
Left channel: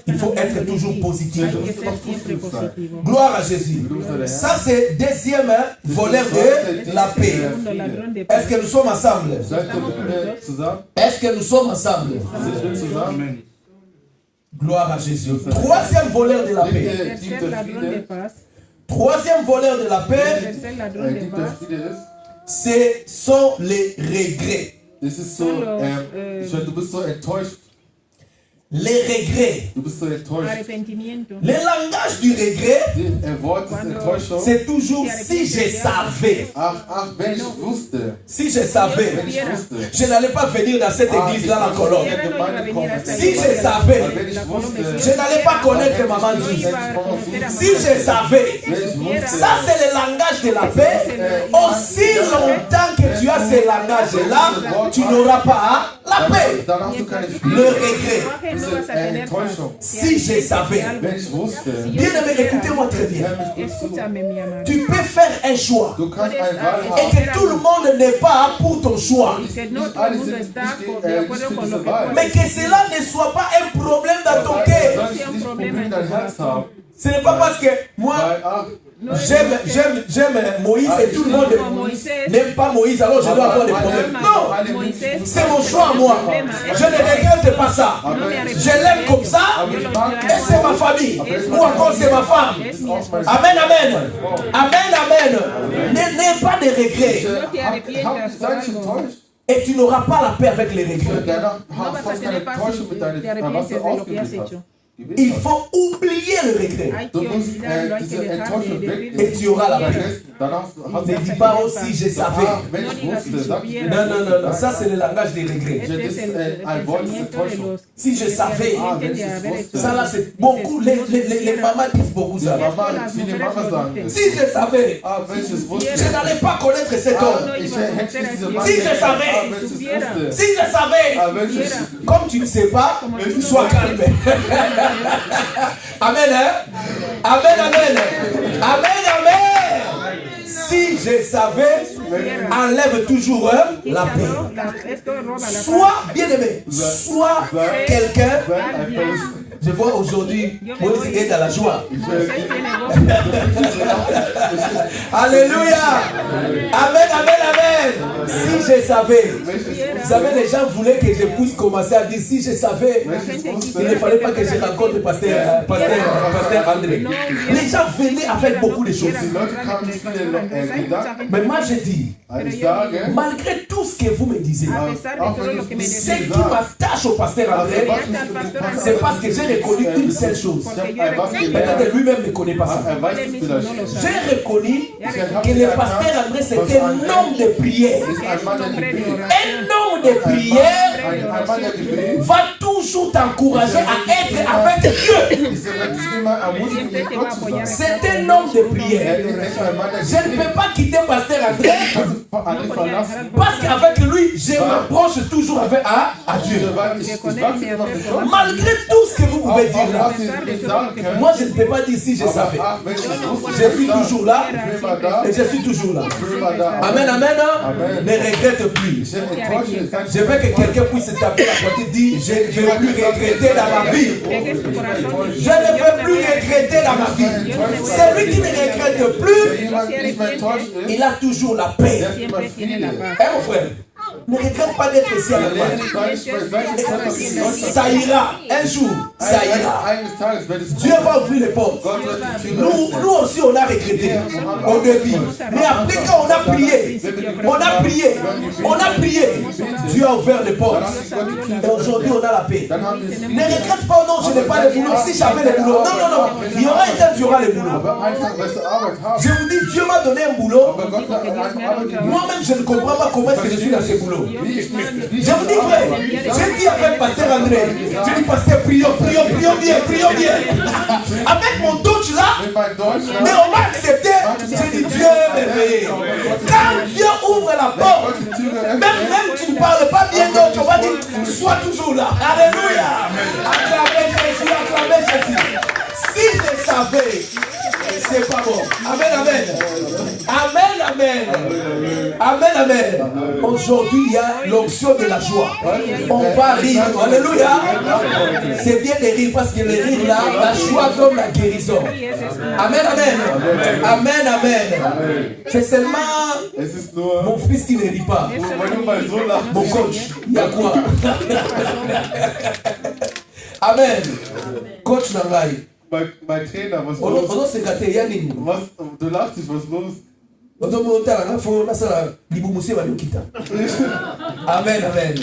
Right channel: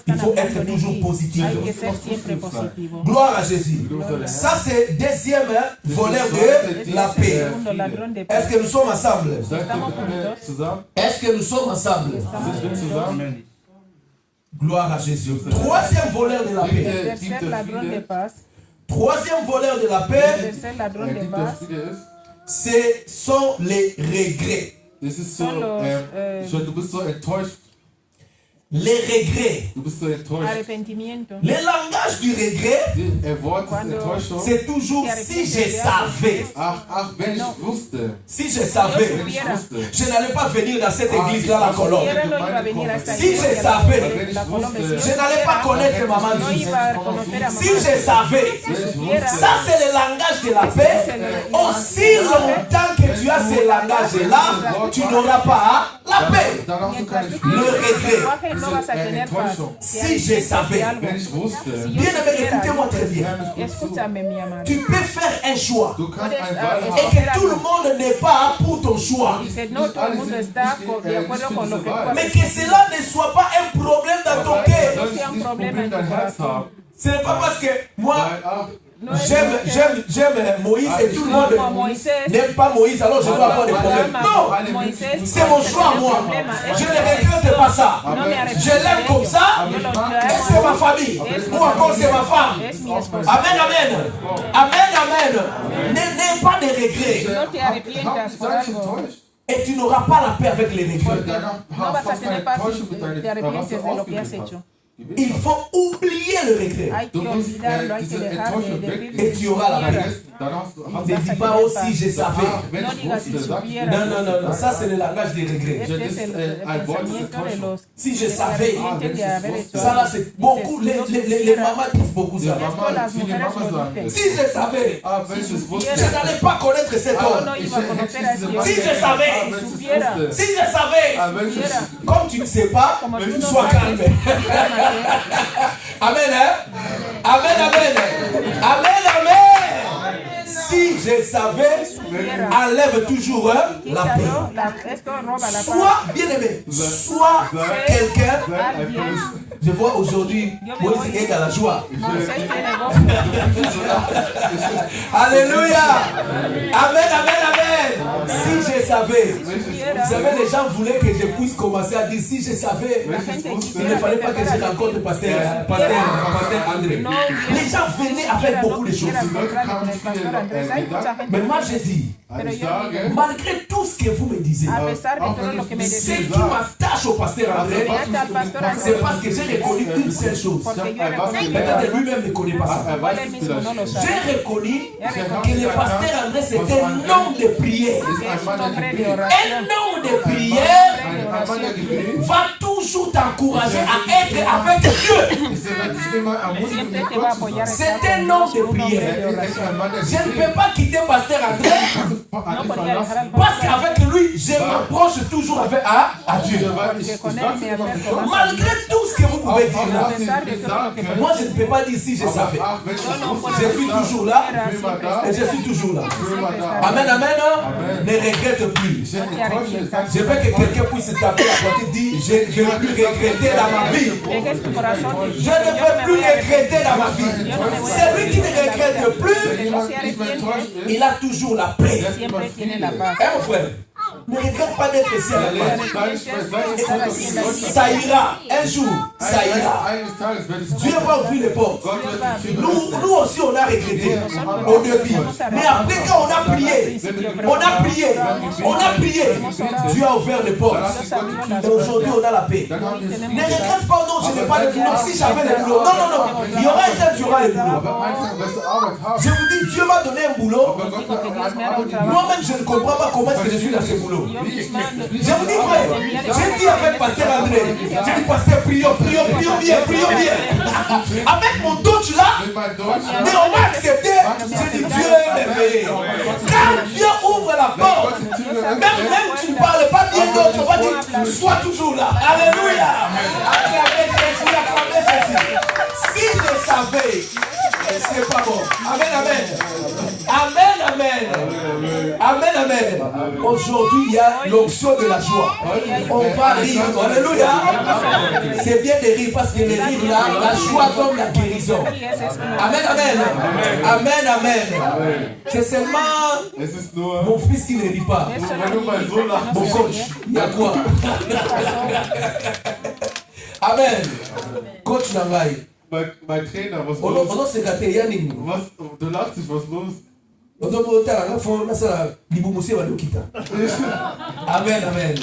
Il faut être toujours positif. Gloire à Jésus. Ça, c'est deuxième volet de la paix. Est-ce que nous sommes ensemble? Est-ce que nous sommes ensemble? Gloire à Jésus. Troisième volet de la paix. Troisième volet de la paix, ce sont les regrets. Das ist so, du bist so enttäuscht. Les regrets. Du bist so enttäuscht. Le langage du regret, Wort ist Enttäuschung. c'est toujours si je savais. Ach, wenn ich wusste. Si je savais, Wenn ich wusste. je n'allais pas venir dans cette église-là, la colonne. Si je savais, Wenn ich wusste. je n'allais pas connaître Maman Djous. Si je savais, ça c'est le langage de la paix. Aussi longtemps que tu as ce langage-là, tu n'auras pas la paix. Dann hast du keine Le Frieden. regret. Diese Enttäuschung. Si je savais, Wenn ich wusste. bien aimé, écoutez-moi très bien. Tu peux faire un choix Du kannst eine Wahl et haben. que tout le monde n'est pas pour ton choix. Nicht alle sind nicht für diese Wahl. Mais que cela ne soit pas un problème dans ton cœur. Soll ich nicht Probleme in dein Herz haben? Ce n'est pas parce que moi, Weil, ach, j'aime Moïse et tout le monde n'aime pas Moïse, alors je dois avoir des problèmes. Non, c'est mon choix moi. Je ne regrette pas ça. Je l'aime comme ça et c'est ma famille. Ou encore c'est ma femme. Amen, amen. Amen, amen. N'aie pas de regrets. sei nicht enttäuscht. Et tu n'auras pas la paix avec les regrets. Danach hast du keine Enttäuschung mit deinem, was du ausgeübt hast. Il faut oublier le regret. Du musst diese Enttäuschung wegnehmen. Et tu auras la paix. Danach hast Ne dis pas aussi je savais. wenn ich wusste, sag ich Non, non, non, non, ça c'est le langage des regrets. das ist ein Wort des Enttäuschung. Si je savais, Wenn ich es wusste. ça là c'est beaucoup, les mamans disent beaucoup ça. Mama, viele Mama sagen das. Si je savais, Wenn ich es wusste. je n'allais pas connaître cet homme. Ich hätte diese Mann Si je savais, wenn ich es wusste. si je savais, Wenn ich es comme tu ne sais pas, sois calme. Amen, hein? Amen, amen. Amen, amen. Si je savais, enlève toujours la paix. Sois bien aimé, sois quelqu'un. Je vois aujourd'hui, Moïse est dans la joie. Alléluia. Amen, amen, amen. Si je savais, vous savez, les gens voulaient que je puisse commencer à dire si je savais, il ne fallait pas que je rencontre pasteur André. Les gens venaient avec beaucoup de choses. Mais moi je dis, malgré tout ce que vous me disiez, ce qui m'attache au pasteur André, c'est parce que j'ai reconnu une seule chose. Peut-être lui-même ne connaît pas ça. J'ai reconnu que le pasteur André c'était un homme de prière. Un homme de prière va toujours t'encourager à être avec Dieu. C'est un homme de prière. Je ne peux pas quitter pasteur André parce qu'avec lui, je m'approche toujours à Dieu. Malgré tout ce que vous pouvez dire là, moi je ne peux pas dire si je savais. Je suis toujours là et je suis toujours là. Amen, amen. Ne regrette plus. Je veux que quelqu'un puisse taper la porte et dire je ne veux plus regretter dans ma vie. Je ne veux plus regretter dans ma vie. Celui qui ne regrette plus, il a toujours la paix. siempre tiene la paz. Hein, mon frère? Ne regrette pas d'être ici à la base. Ça ira. Un jour, ça ira. Dieu va ouvrir les portes. Nous aussi, on a regretté au début. Mais après, quand on a prié, Dieu a ouvert les portes. Et aujourd'hui, on a la paix. Ne regrette pas, non, je n'ai pas de boulot. Si j'avais le boulot, non. Il y aura un temps, tu auras le boulot. Je vous dis, Dieu m'a donné un boulot. Moi-même, je ne comprends pas comment est-ce que je suis dans ce boulot. Je vous dis, frère, j'ai dit avec Pasteur André, j'ai dit, Pasteur, prions bien. Avec mon Dutch là, mais on m'a accepté. J'ai dit, Dieu merveilleux. Quand Dieu ouvre la porte, même tu ne parles pas bien d'autre, on va dire, sois toujours là. Alléluia. Acclamez Jésus. Si je savais, c'est pas bon. Amen. Aujourd'hui, il y a l'onction de la joie. On va rire. Alléluia. C'est bien de rire parce que le rire là, la joie donne la guérison. Amen. C'est seulement mon fils qui ne rit pas. Mon coach, il y a quoi? Amen. Coach Nangai. Mein Trainer, was On los? a secrétaire, il y a une. Du lachst dich, was los? Amen.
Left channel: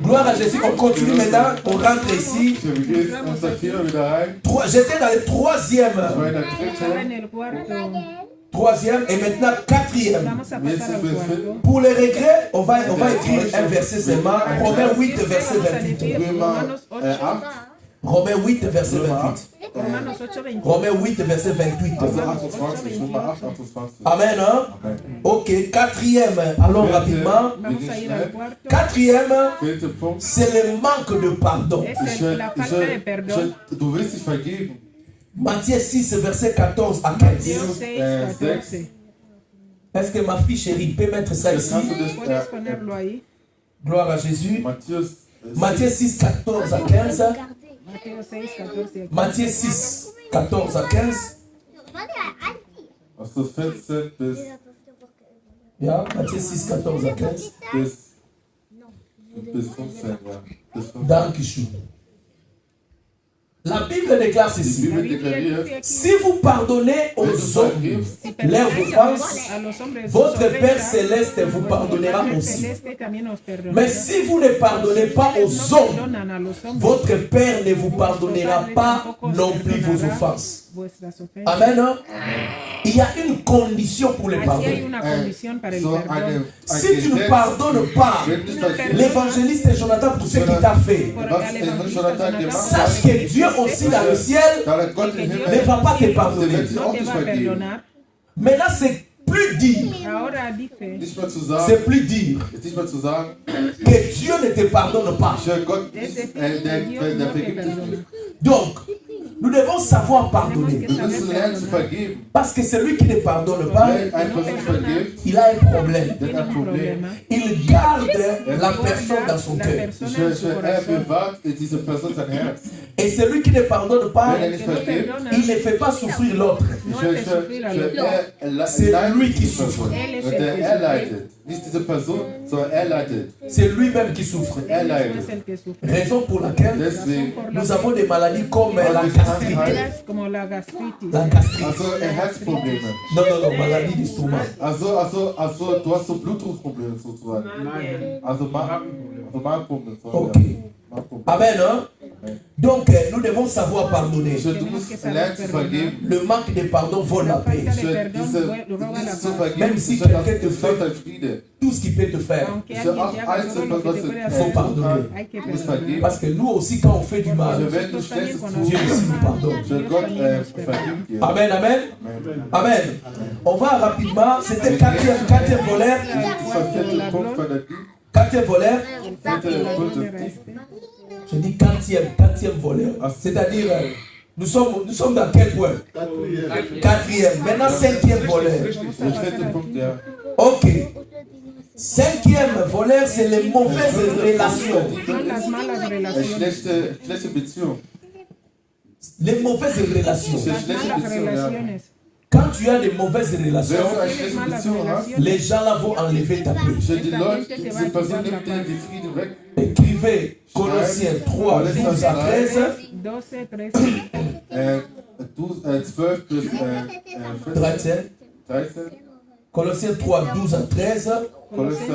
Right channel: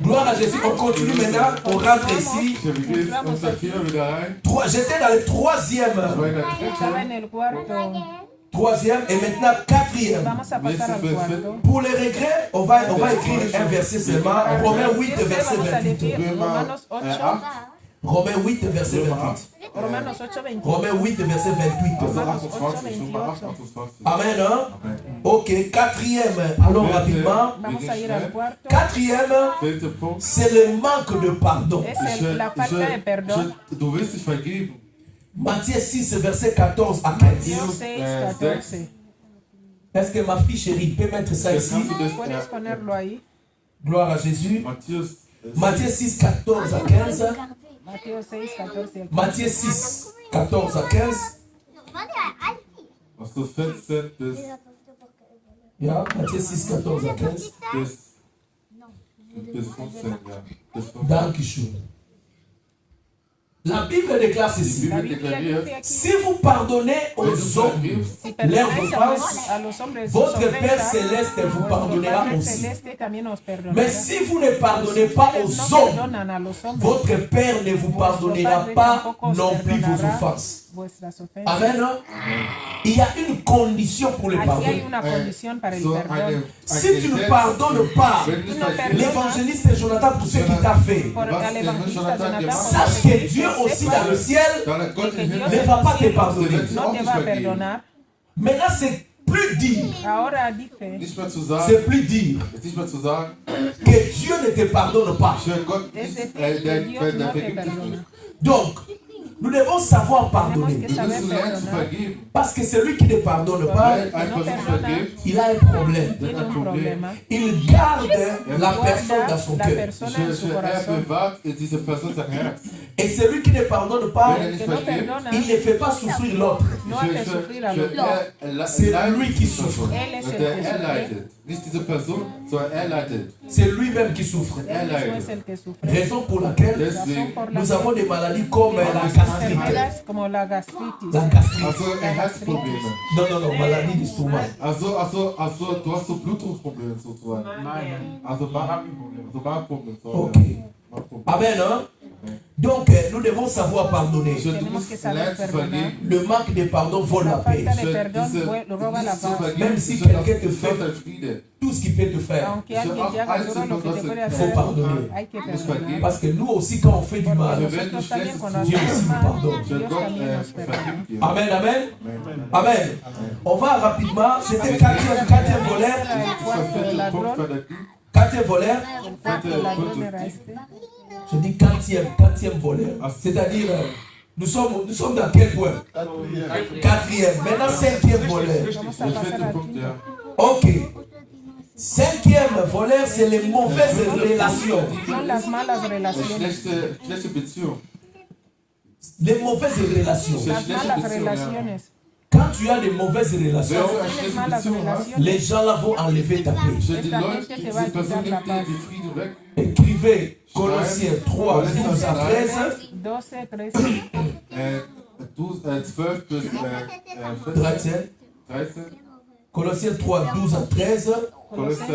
Gloire à Jésus. On continue maintenant. On rentre ici. Wie geht's? Und sagt hier wieder rein. J'étais dans le troisième. Troisième et maintenant quatrième. Pour les regrets, on va écrire un verset seulement. Romains 8, verset 28. Romains 8, verset 28. Romains 8, verset 28. Amen. Hein? Ok, quatrième. Allons rapidement. Quatrième, c'est le manque de pardon. Du willst dich vergeben. Matthieu 6, verset 14 à 15. Est-ce que ma fille chérie peut mettre ça ici? Gloire à Jésus. Matthieu 6, 14 à 15. Matthieu 6, 14 à 15. Also 14 bis. Ja, Matthieu 6, 14 à 15. Bis 15, ja. Dankeschön. La Bible déclare ceci. Si vous pardonnez aux hommes leurs offenses, votre Père Céleste vous pardonnera aussi. Mais si vous ne pardonnez pas aux hommes, votre Père ne vous pardonnera pas non plus vos offenses. Amen. Il y a une condition pour le pardon. Si tu ne pardonnes pas l'évangéliste Jonathan pour ce qu'il t'a fait, sache que Dieu aussi dans le ciel ne va pas te pardonner. Maintenant, c'est plus dire. C'est plus dire que Dieu ne te pardonne pas. Donc, nous devons savoir pardonner. Parce que celui qui ne pardonne pas, il a un problème. Il garde la personne dans son cœur. Et celui qui ne pardonne pas, il ne fait pas souffrir l'autre. C'est lui qui souffre. C'est lui-même qui souffre. Raison pour laquelle nous avons des maladies comme la gastrite. La gastrite. Non, maladie du stomac. Also, du hast so Blutdruckprobleme sozusagen. Also Magenprobleme. Ok. Amen. Hein? Donc, nous devons savoir pardonner. Le manque de pardon vole la paix. Même si quelqu'un te fait tout ce qu'il peut te faire, il faut pardonner. Parce que nous aussi, quand on fait du mal, Dieu aussi nous pardonne. Amen. On va rapidement. C'était quatrième voleur. Quatrième voleur. Je dis quatrième voleur. C'est-à-dire, nous sommes dans quel point? Quatrième. Maintenant, cinquième voleur. Ok. Cinquième voleur, c'est les mauvaises relations. Les mauvaises relations. Quand tu as de mauvaises relations, Wenn du eine schlechte Beziehung hast, les gens là vont enlever ta paix. die Leute, diese Person nimmt dir die Frieden weg. Écrivez Colossiens 3, 12 à 13. 12, 12 bis 13. 13. Colossiens 3, 12 à 13. Kolosser 2,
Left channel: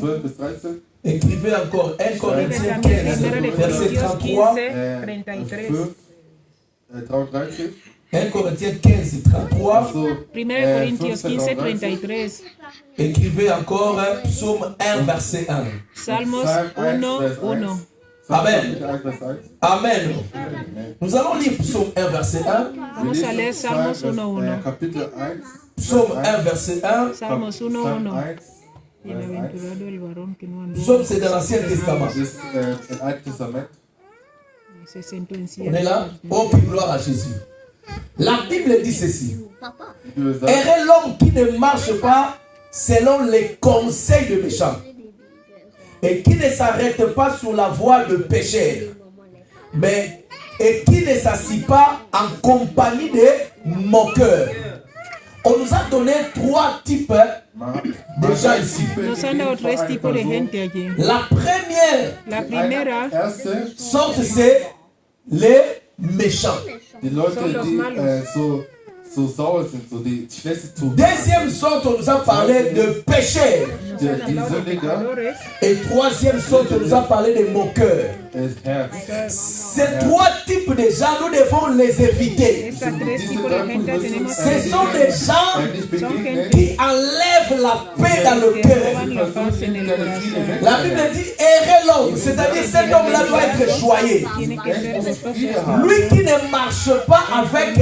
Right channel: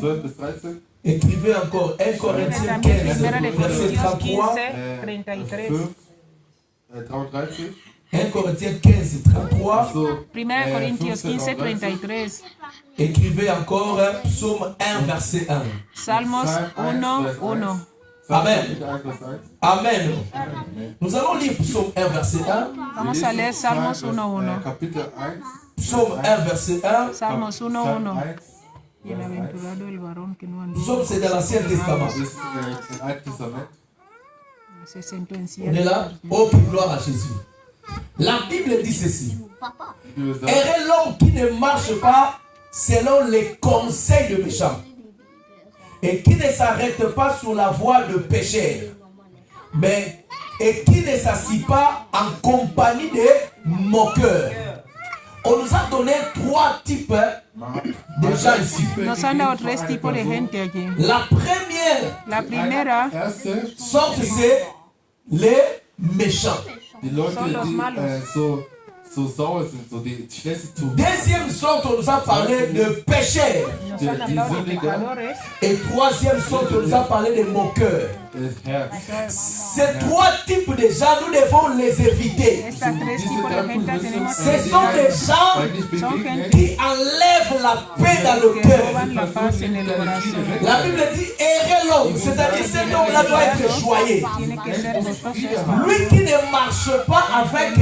12 bis 13. Écrivez encore 1 Corinthiens 15, verset 33. 5, 33. 1 Corinthiens 15, 33. 1 Corintios 15, 33. Écrivez encore Psaume 1, verset 1. Salmos 1, 1. Amen. Amen. Nous allons lire Psaume 1, verset 1. Vamos a leer Salmos 1, 1. Kapitel 1. Psaume 1, verset 1. Salmos 1, 1. Bienaventurado el varón que no anda. Psaume, c'est dans l'Ancien Testament. Das ist im Alten Testament. Se sentó en On est là? Oh, puis gloire à Jésus. La Bible dit ceci. Heureux l'homme qui ne marche pas selon les conseils de méchants et qui ne s'arrête pas sur la voie de pécheurs, mais et qui ne s'assit pas en compagnie des moqueurs. On nous a donné 3 types de gens ici. Nos han dado 3 tipos de gente aquí. La première La primera sorte, c'est les méchants. Die Leute, die so sauer sind, so die Schlechtes tun. Deuxième sorte, on nous a parlé de pécheurs. Die Sündiger, Et troisième sorte, on nous a parlé de moqueurs. das Herz. Ces 3 types de gens, nous devons les éviter. Estas 3 tipos de gente tenemos que Ce sont des gens Eigentlich begegnen, qui enlèvent la paix dans le que cœur. roban la paz en el corazón. La Bible dit errer l'homme, c'est-à-dire cet homme-là doit être choyé. Tiene que ser después Lui qui ne marche pas avec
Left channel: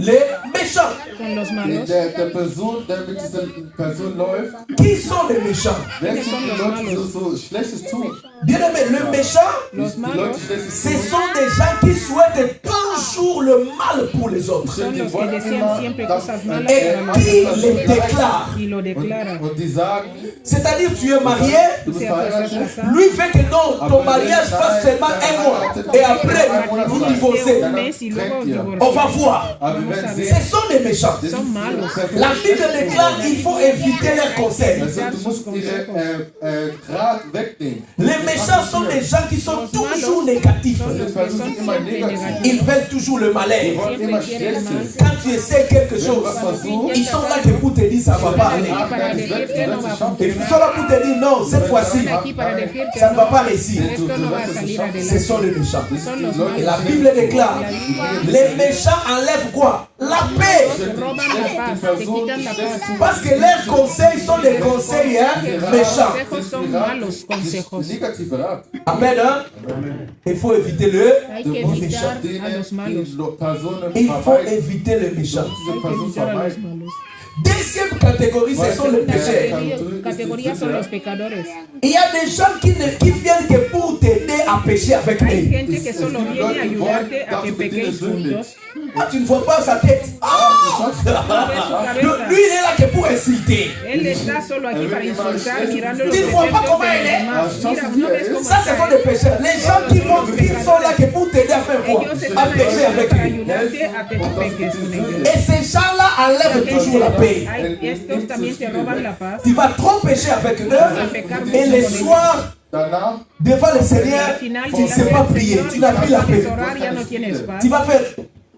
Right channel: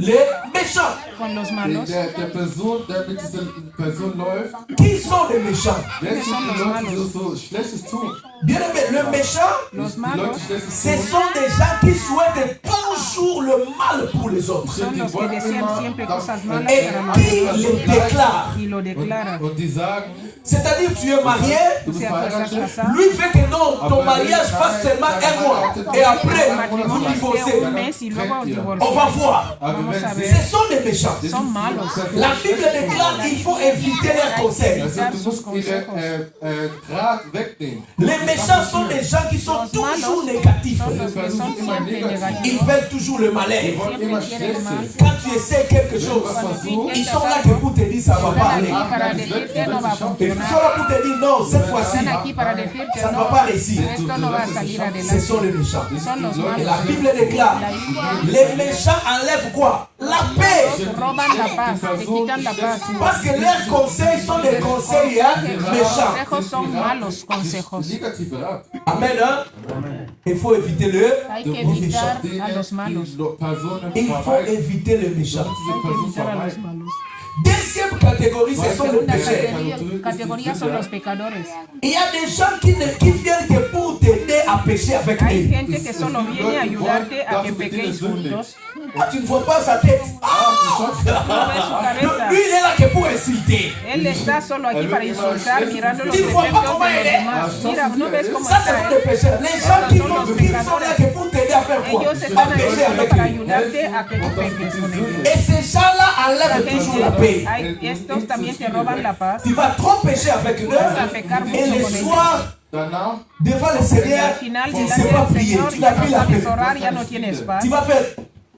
les méchants. con los malos. der Person, der mit dieser Person läuft, Qui sont les méchants? wer sind die Leute, die so Schlechtes tun? Bien aimé, le méchant, Los Die malos Leute Schlechtes ce tun, sont des gens qui souhaitent toujours le mal pour les autres. son los que desean siempre cosas malas Et para qui los les otros déclare. y lo declaran. und die sagen, C'est-à-dire, tu es marié, du bist Si estás verheiratet, casado, lui fait que non, ton mariage fasse seulement 1 mois. Et après, vous divorcez. un mes y luego On va divorciar. voir. aber wir werden Ce sehen, sont des méchants. Son malos. La Bible déclare qu'il faut éviter leurs conseils. also du musst ihre Rat wegnehmen. Les méchants sont des gens qui sont toujours négatifs. Die Personen sind immer negativ. Ils veulent toujours le Die malheur. wollen immer Schlechtes. Quand tu essaies quelque chose, ils sont là que pour te dire ça va pas aller. Para decirte no va a Et ils sont là pour te dire non, cette fois-ci, Están aquí para decirte ça ne va no, pas réussir. esto no va a salir Ce adelante. sont les méchants. Son los Et la malos. Bible déclare, les méchants enlèvent quoi? La paix. Roban la paz, te quitan la paz. Parce que leurs conseils sont des conseils méchants. Consejos son malos consejos. Negative Rat. Amen. Hein? Il faut éviter le Hay que méchant. evitar a los malos. Die Personen Il faut verweisen. éviter le méchant. Diese Hay que Person evitar a los verweisen. malos. Deuxième catégorie, ce sont les pécheurs. Categoría son los pecadores. Il y a des gens qui viennent que pour t'aider à pécher avec Hay eux. gente que solo viene a ayudarte a que pequéis juntos. Ah, tu ne vois pas sa tête. Ah! No ves su cabeza. Lui, il est là que pour insulter. Él está solo aquí para insultar, mirando los Tu vois pas defectos comment de il est? los demás. Mira, no ves cómo Ça, ce sont está. des pécheurs. Les gens qui sont là que pour t'aider à faire quoi? Ellos están À ahí pécher avec para eux. ayudarte a que tú peques con ellos. Et ces gens-là enlèvent toujours la paix. Hay estos también te roban la paz. Tu vas trop pécher avec eux. Et le soir, Danach devant le Y Seigneur, al final tu ne delante sais pas del prier. Señor Tu y n'as plus la cuando paix. quieres orar ya no tienes paz. Tu vas faire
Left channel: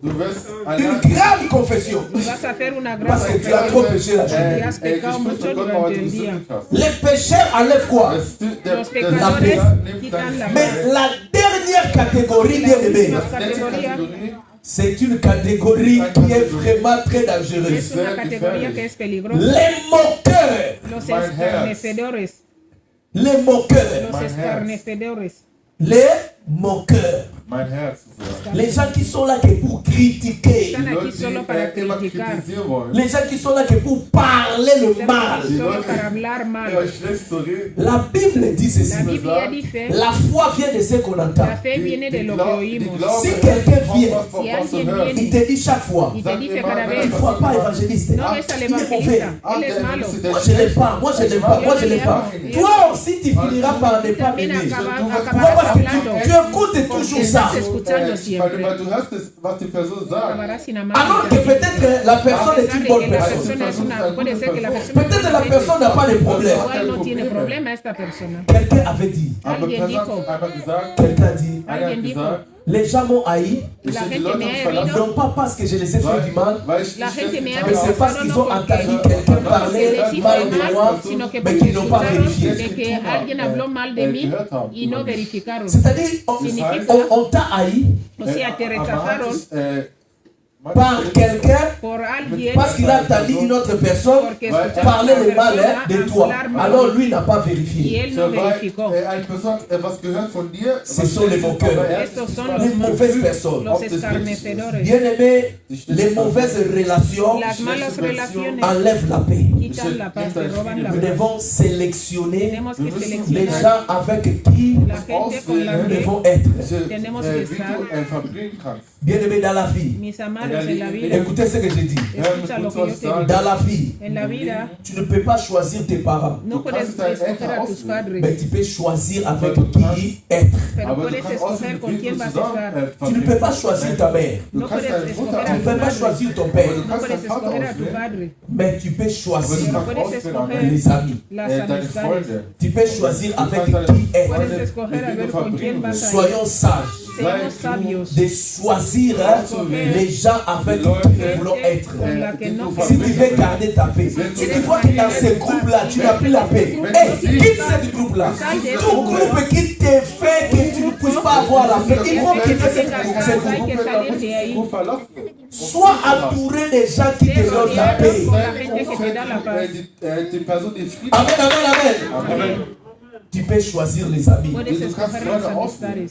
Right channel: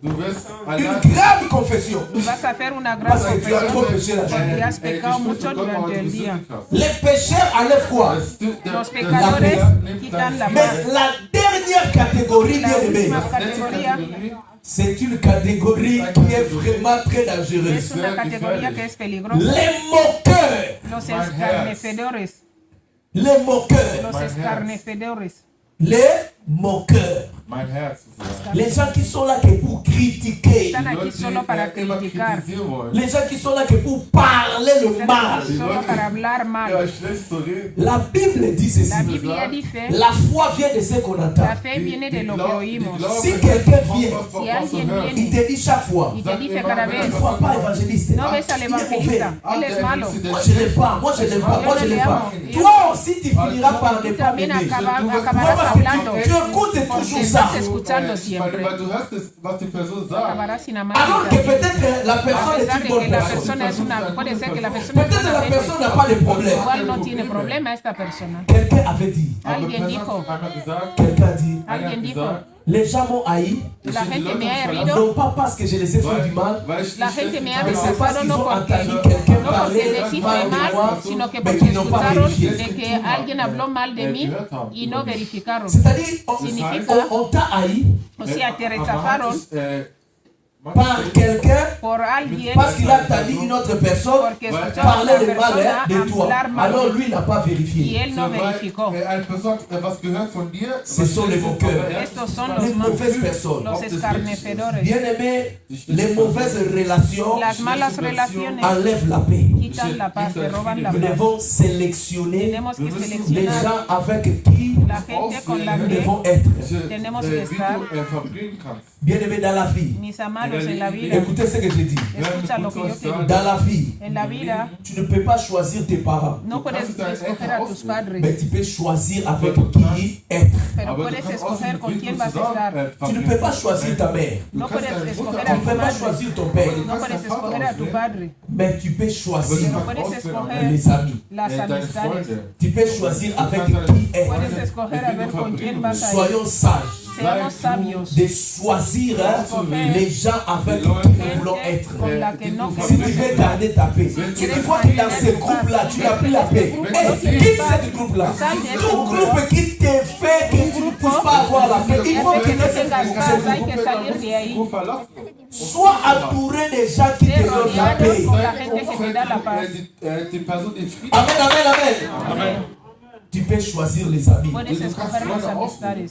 du wirst une allein grave confession. Vas a hacer una gran Parce que tu as trop péché la journée. y has pecado mucho durante el día. Les pécheurs enlèvent quoi? Los pecadores quitan la Mais paz. la dernière catégorie, bien aimée, La categoría c'est une catégorie qui est vraiment très es dangereuse. una categoría que es peligrosa. Les moqueurs. Los escarnecedores. Les moqueurs. Los escarnecedores. Les moqueurs. mein Herz ist ja. Les gens qui sont là que pour critiquer. Están Die aquí Leute, solo para die immer criticar. kritisieren wollen. Les gens qui sont là que pour parler le mal. Solo para hablar Ja, mal. schlecht zu reden. La Bible dit ceci. La Biblia dice, La foi vient de ce qu'on entend. la fe viene de lo que oímos. Si quelqu'un vient, Si alguien il viene te dit chaque fois, y te dice cada tu vez, ne crois pas évangéliste. no ves al Il est mauvais. evangelista, él es malo. Moi je l'aime pas, moi je l'aime pas, moi je l'aime pas. Toi aussi tu finiras par ne pas También m'aimer. acabarás Pourquoi? Parce que tu écoutes toujours ça. ça. Estás escuchando siempre. Weil du hörst, was die Person sagt. Acabarás sin amar. Alors que peut-être la personne est une bonne La personne. persona es una, puede ser que la persona es Peut-être la buena personne n'a pas de problème. igual no tiene problema esta persona. Quelqu'un avait dit, Aber Alguien Person dijo, hat einfach gesagt, quelqu'un dit, einer hat alguien dijo, gesagt, les gens m'ont haï, ich la habe die gente Leute me ha verlassen, herido, non pas parce que je les ai fait du mal, weil ich la nicht gente me ha mais c'est parce qu'ils ont porque entendu quelqu'un que parler deciste mal de mal, moi, sino que mais porque qu'ils n'ont pas escucharon vérifié. de que alguien habló mal de mí y no verificaron. C'est-à-dire, Significa, on t'a haï o sea, te rechazaron par quelqu'un por alguien parce qu'il a entendu une autre personne porque escucharon a parler una de mal persona de toi. hablar mal Alors de lui n'a pas y vérifié. él no verificó. eine Person hat etwas gehört von dir. Ce sont les moqueurs, Estos son les los, mauvaises personnes. los escarnecedores. Bien aimé, les mauvaises relations Las malas relaciones enlèvent la paix. quitan la paz, te roban la Nous paz. devons sélectionner Tenemos que les seleccionar gens avec qui la gente con la nous que devons être. tenemos Wie que du estar. verbringen kannst. Bien aimé dans la vie. Mis amados, en la vida, Écoutez ce que je dis. escucha lo que yo te digo. Dans la vie, En la vida, tu ne peux pas choisir tes parents, no puedes escoger a tus mais padres, tu peux choisir avec qui être. pero Aber du puedes kannst escoger aussehen, con wie quién du vas a zusammen estar. Tu ne peux pas choisir ta mère, Du No kannst puedes deine Mutter escoger a tu ne tu peux pas padre, choisir ton père, no puedes escoger a tu padre, mais tu peux choisir Aber no du puedes kannst escoger les amis. las deine amistades, Freunde. Tu peux choisir avec qui être. puedes escoger a ver con quién vas a ir. Soyons sages Seamos sabios, de choisir les gens avec qui nous voulons être. con la que no Si tu veux garder ta paix, si tu vois que dans ce groupe-là, tu n'as plus la paix, hey, quitte ce groupe-là. Tout groupe qui te fait que tu ne puisses pas avoir la paix, il faut quitter ce groupe. hay que salir de ahí. Gut verlassen. Sois entouré des gens qui te donnent la paix. Die Person, die Frieden Amen, amen, amen. Tu peux choisir les amis. Puedes escoger las amistades.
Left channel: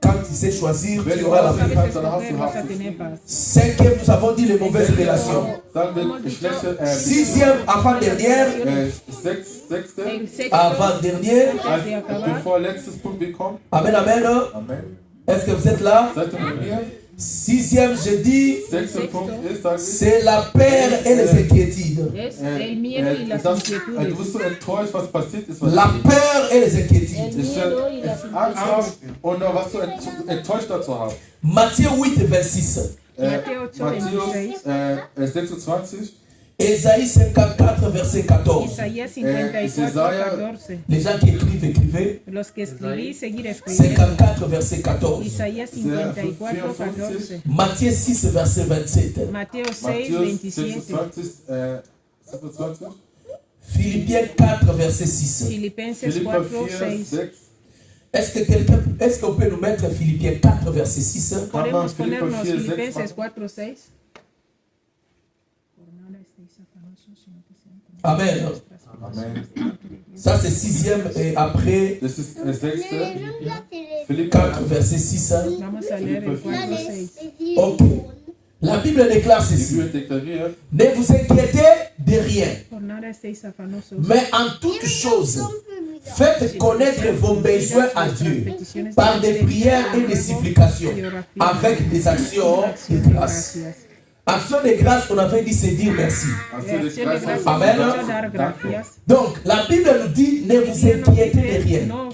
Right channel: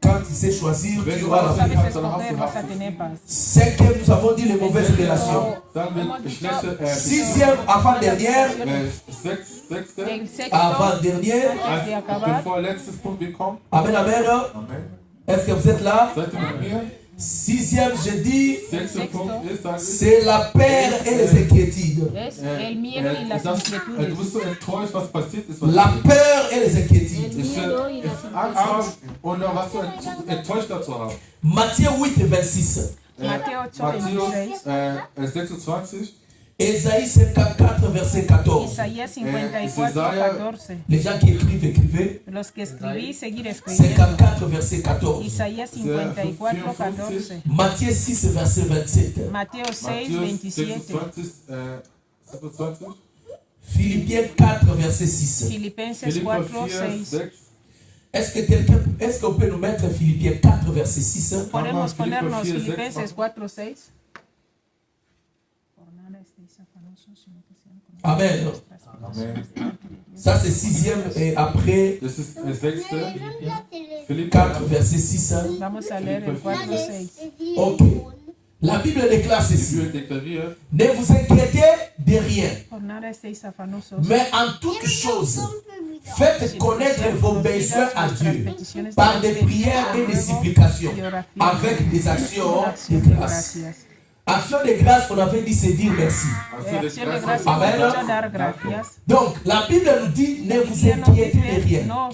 Quand tu sais choisir, tu auras la paix. Sabes escoger, vas a tener paz. Cinquième, nous avons dit les mauvaises relations. Dann wird schlechte, Sixième, avant-dernière, sechste, El sexto, avant-dernière. antes de auf den acabar, vorletztes Punkt gekommen. Amen, amen. Amen. Est-ce que vous êtes là? Seid ihr mit mir? Sixième, je dis, Sechster Punkt ist, sag ich, c'est la peur et les inquiétudes. es el miedo y las du inquietudes. bist so enttäuscht, was passiert ist. Was La peur et les inquiétudes. ich Angst habe und was du enttäuscht dazu hast. Matthieu 8, 26. Mateo 8:26. Matthäus 26. Ésaïe 54, verset 14. Isaías 54:14. Les gens qui écrivent, écrivez. Los que escribí, seguir escribiendo. 54, verset 14. Isaías 54:14. Matthieu 6, verset 27. Mateo Matthäus 6:27. 27. Philippiens 4, verset 6. Filipenses Philipper 4:6. 4, 6. Est-ce qu'on peut nous mettre Philippiens 4, verset 6? Podemos Filipenses ponernos 4:6. Filipenses 4:6. Amen. Amen. Ça, c'est sixième et après Das ist der sechste. Philipper 4, verset 6. Vamos a leer el 4:6. Ok. La Bible déclare Die ceci. Bibel deklariert, Ne vous inquiétez de rien, Por nada estéis afanosos. mais en toutes choses, faites connaître vos besoins à Dieu par des prières et des supplications, avec des actions de grâce. Action de grâce, on avait dit, c'est dire merci. also das Acción de gracias, Amen. vamos a dar gracias. Donc, la Bible nous dit, ne vous inquiétez de rien. No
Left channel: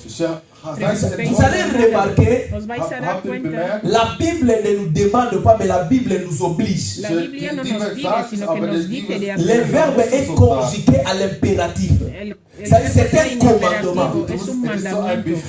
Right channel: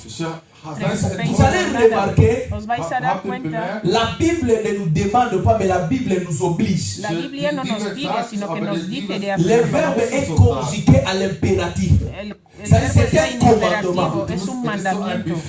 Vous allez remarquer, os vais a dar habt ihr cuenta. bemerkt, la Bible ne nous demande pas, mais la Bible nous oblige. La Biblia no nos pide, sino que nos dice de Le hacer. verbe est conjugué à l'impératif. El Ça, verbo c'est es un commandement. imperativo, es un mandamiento.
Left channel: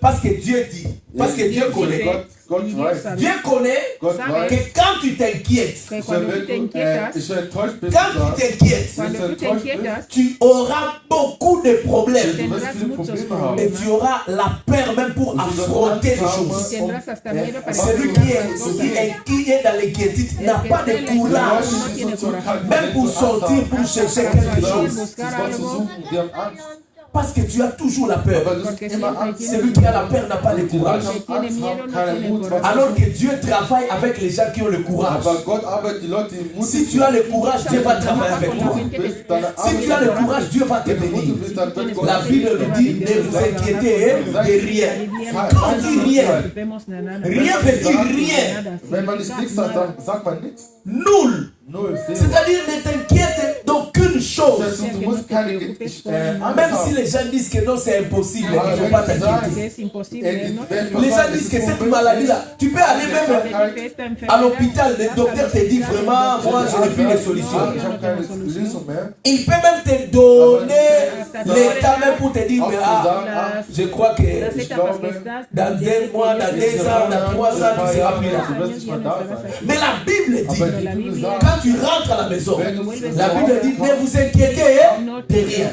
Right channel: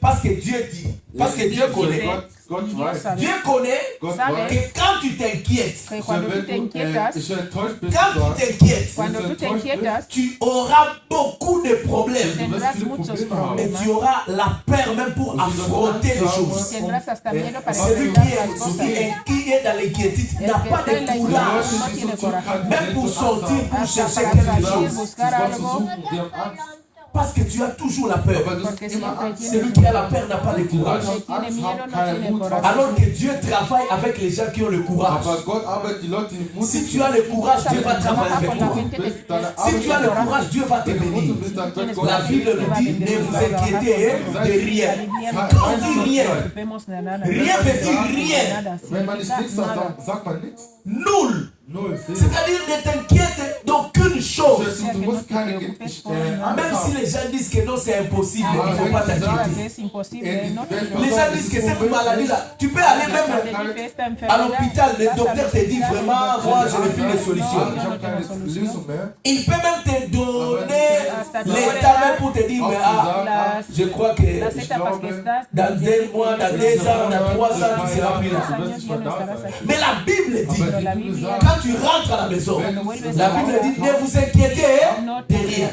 Parce que Dieu dit, parce que Dieu connaît. Gott weiß, Dieu connaît Gott Sabe weiß, que quand tu t'inquiètes, Que cuando tú te inquietas, ich enttäuscht bin, quand tu t'inquiètes, cuando tú te inquietas, tu auras beaucoup de problèmes. tendrás muchos Et problemas. tu auras la peur même pour affronter les choses. Tendrás hasta miedo para Celui enfrentar las cosas. qui est dans l'inquiétude n'a pas de courage, No tiene coraje. même pour sortir, pour chercher quelque chose. Buscar algo, die haben Angst, Parce que tu as toujours la peur. aber du hast porque immer siempre Angst. Celui qui a la peur n'a pas de Die courage. Leute haben Angst, haben keinen Mut. Alors que Dieu travaille avec les gens qui ont le courage. Aber Gott arbeitet die Leute, die mutig Si tu as le courage, Dieu va travailler avec toi. bist, deine Si tu as le courage, Dieu va te bénir. La Bible nous dit, ne vous inquiétez de rien. Quand on dit rien, vemos nada. rien veut dire rien. Wenn man nicht nichts sagt, dann sagt man nichts. Nul. Null. C'est-à-dire ne t'inquiète d'aucune chose. Du musst keine Même si les gens disent que non, c'est impossible, il ne faut pas t'inquiéter. Les gens disent que cette maladie-là, tu peux aller même à l'hôpital, le docteur te dit vraiment, moi je n'ai plus de solution. Il peut même te donner l'état même pour te dire, mais je crois que dans 2 mois, dans 2 ans, dans 3 ans, tu seras plus là. Mais la Bible dit, quand tu rentres à la maison, la Bible dit, ne vous inquiétez de rien.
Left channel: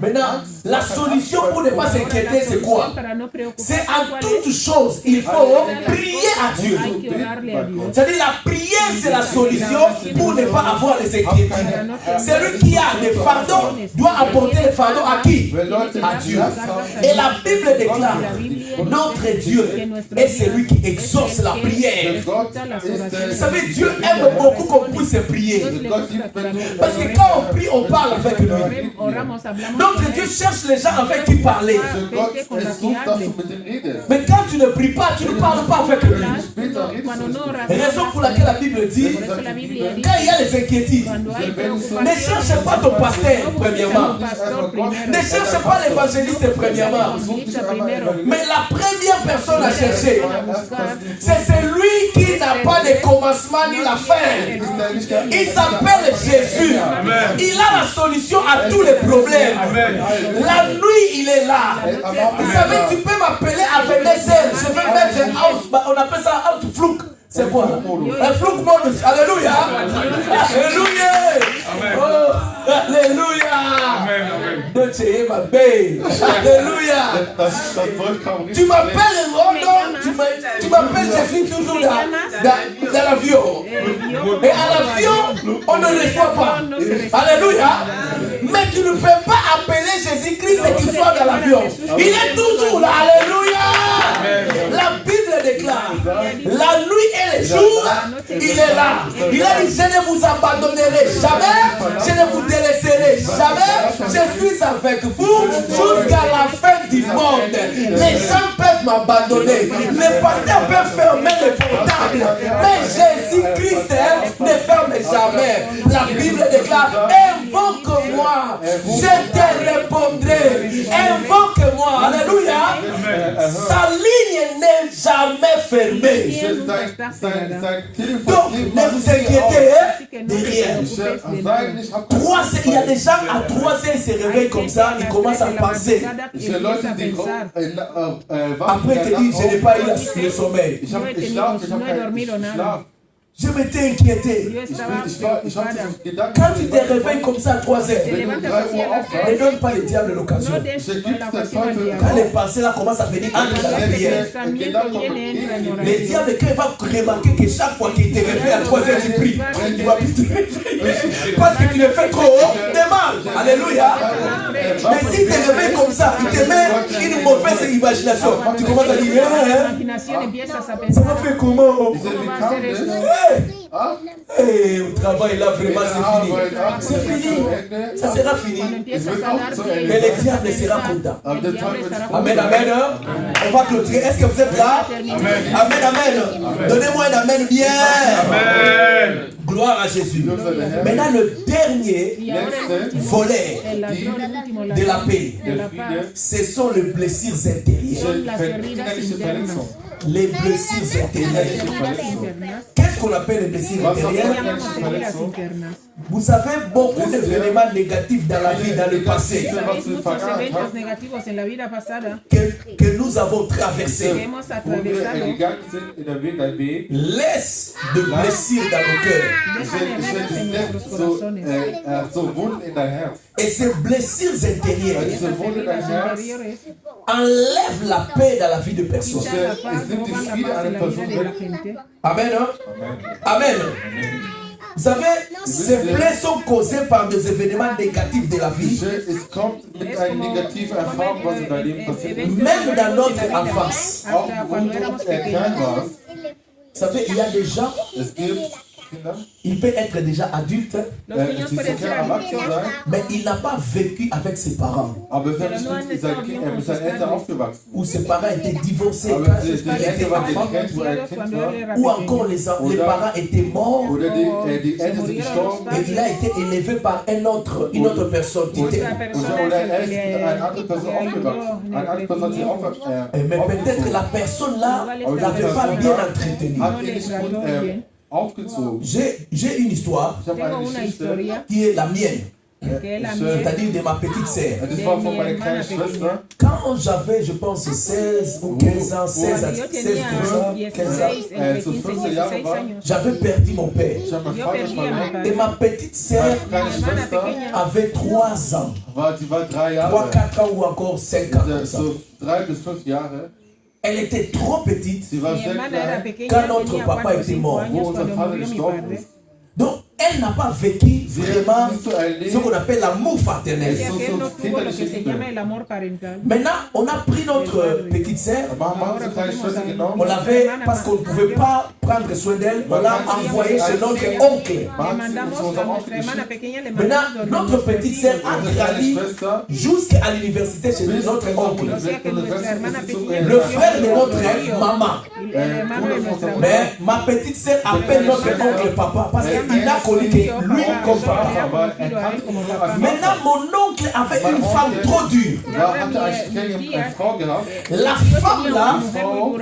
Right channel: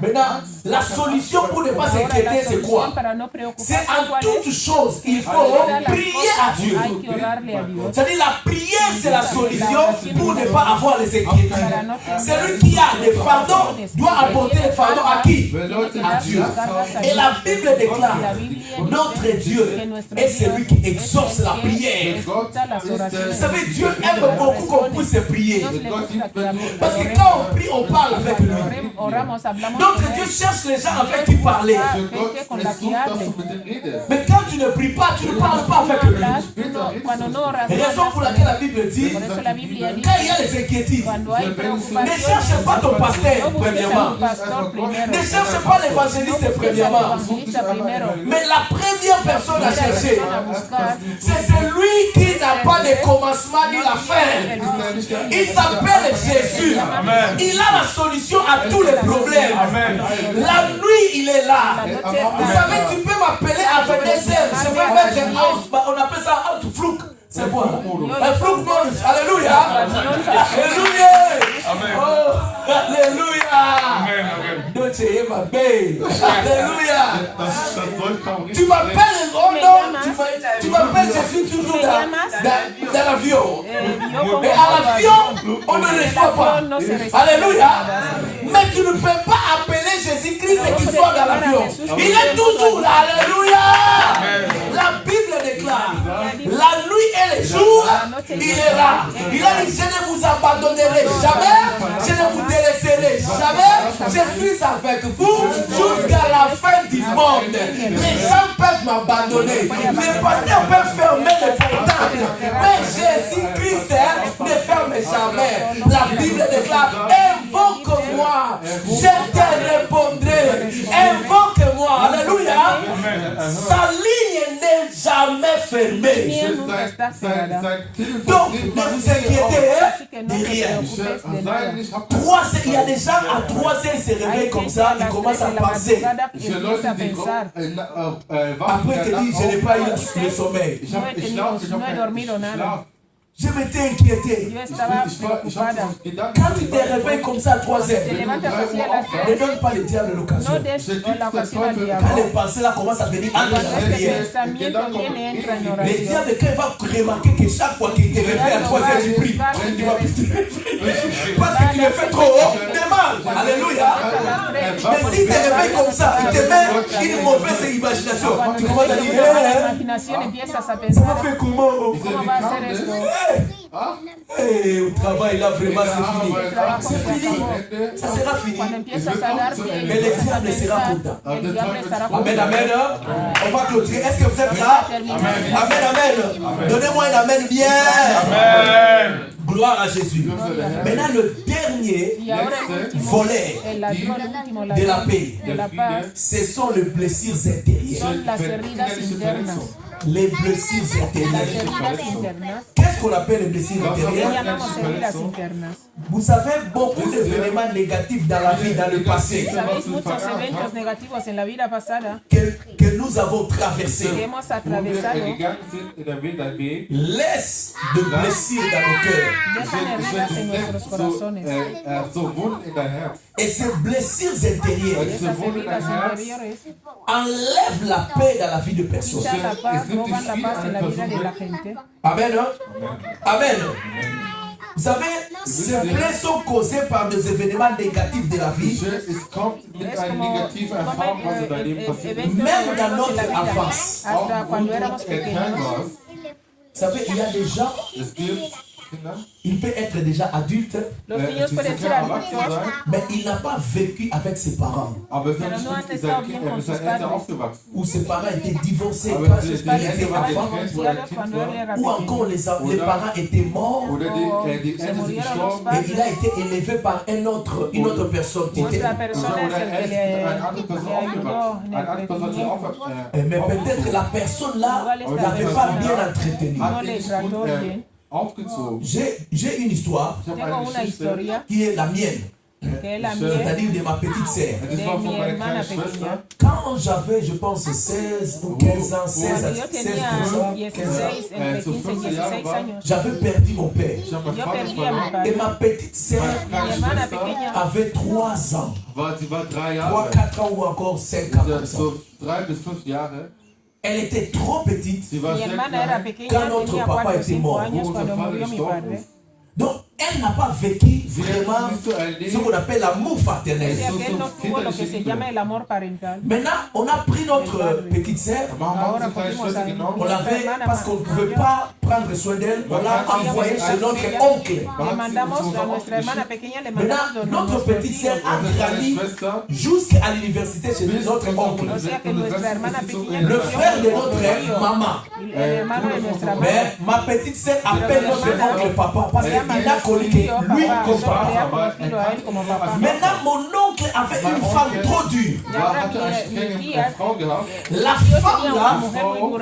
Maintenant, la solution pour ne pas s'inquiéter, c'est quoi? C'est en toute chose, il faut prier à Dieu. C'est-à-dire la prière, c'est la solution pour ne pas avoir les inquiétudes. Celui qui a des fardeaux doit apporter les fardeaux à qui? À Dieu. Et la Bible déclare, notre Dieu est celui qui exauce la prière. Vous savez, Dieu aime beaucoup qu'on puisse prier. Parce que quand on prie, on parle avec lui. Notre Dieu cherche les gens avec qui parler. Mais quand tu ne pries pas, tu ne parles pas avec lui. Raison pour laquelle la Bible dit, quand il y a des inquiétudes, ne cherche pas ton pasteur, premièrement. Ne cherche pas l'évangéliste, premièrement. Mais la première personne à chercher, c'est celui qui n'a pas de commencement ni la fin. Il s'appelle Jésus. Il a la solution à tous les problèmes. La nuit, il est là. Vous savez, tu peux m'appeler avec des ailes. Je vais mettre un house, on appelle ça outflouk. C'est quoi? Un flouk bonus. Alléluia. Alléluia. Oh, alléluia. Don't you hear my babe? Alléluia. Tu m'appelles, oh non, tu m'appelles, je suis toujours dans l'avion. Et à l'avion, on ne le voit pas. Alléluia. Mais tu ne peux pas appeler Jésus-Christ et qu'il soit dans l'avion. Il est toujours là. Alléluia. La Bible déclare, la nuit et le jour, il est là. Il a dit, je ne vous abandonnerai jamais, je ne vous délaisserai jamais, je suis avec vous jusqu'à la fin du monde. Les gens peuvent m'abandonner, les pasteurs peuvent fermer les portables, mais Jésus-Christ ne ferme jamais. La Bible déclare, invoque-moi, je te répondrai. Invoque-moi, alléluia. Sa ligne n'est jamais fermée. Donc, ne vous inquiétez de rien. Il y a des gens à 3 heures, ils se réveillent comme ça, ils commencent à penser. Après, ils te disent, je n'ai pas eu le sommeil. Je m'étais inquiété. Quand tu te réveilles comme ça à 3 heures, ne donne pas le diable l'occasion. Quand les pensées là commencent à venir entre dans la prière, le diable, quand il va remarquer que chaque fois qu'il te réveille à 3 heures, tu pries, il va plus te réveiller. Parce que tu le fais trop haut, demande. Alléluia. Mais s'il te réveille comme ça, il te met une mauvaise imagination. Tu commences à dire, ça m'a fait comment? Hey, au travail là vraiment c'est fini. Ça sera fini. Mais le diable sera content. Amen, amen. On va clôturer. Est-ce que vous êtes là? Amen, amen. Donnez-moi un amen bien. Amen. Gloire à Jésus. Maintenant le dernier volet de la paix, ce sont les blessures intérieures. Les blessures intérieures. Qu'est-ce qu'on appelle les blessures intérieures? Vous savez, beaucoup d'événements négatifs dans la vie, dans le passé, que nous avons traversés, laisse de blessures dans nos cœurs. Et ces blessures intérieures enlèvent la paix dans la vie de personne. Amen. Amen. Vous savez, ces plaies sont causées par des événements négatifs de la vie. Même dans notre enfance. Vous savez, il y a des gens, Kindern. Il peut être déjà adulte, Los niños Sie pueden ser können erwachsen adultos, sein, mais il n'a pas vécu avec ses parents. aber er ist nicht mit seinen Eltern aufgewachsen. Ou ses parents étaient divorcés Aber quand die il était Eltern waren enfant. getrennt, wo er Kind war. Ou encore les parents étaient morts. Oder die Eltern sind gestorben. Et il a été élevé par une autre personne. Tite. Oder er ist mit einer anderen Person aufgewachsen. Eine andere Person hat sie Mais peut-être la personne là n'avait pas bien entretenu. hat ihn nicht gut aufgezogen. J'ai une histoire Ich habe eine Geschichte, qui est la mienne, que es la c'est-à-dire de ma petite sœur. das war von meiner kleinen Schwester. Quand j'avais, je pense, 16 ou 15 ans, 16 à Yo 16 tenía 15 ans, 16, entre 15 y 16 años. j'avais perdu mon père. Ich habe meinen Yo Vater perdí a mi verloren. padre. Et ma petite sœur Meine kleine Schwester avait 3 ans, sie war 3 3, Jahre. 4 ans ou encore 5 ans. Comme ça. So 3 bis 5 Jahre. Elle était trop petite. Sie war Mi sehr hermana era klein, pequeña, Quand notre tenía papa 4 o était 5 mort, años wo unser cuando Vater murió mi gestorben padre. ist. Donc, elle n'a pas vécu Sie vraiment hat nicht so erlebt. ce qu'on appelle l'amour fraternel. Decía que él no tuvo lo que se llama el amor parental. Maintenant, on a pris notre petite sœur, Wir haben unsere kleine Schwester on genommen. l'avait, parce qu'on ne pouvait pas prendre soin d'elle, on l'a envoyée chez notre oncle. Le mandamos a nuestra hermana pequeña, le Maintenant, mandamos notre petite sœur a Unsere kleine grandi Schwester jusqu'à l'université chez notre oncle. O sea que nuestra hermana pequeña, Le frère de notre maman. el hermano de nuestra abuela. Mais ma petite sœur appelle notre oncle papa parce qu'il n'a connu que lui comme papa. aber er kannte ihn nur als Maintenant, mon oncle avait une femme trop dure. hatte eine strenge Frau gehabt. La femme là,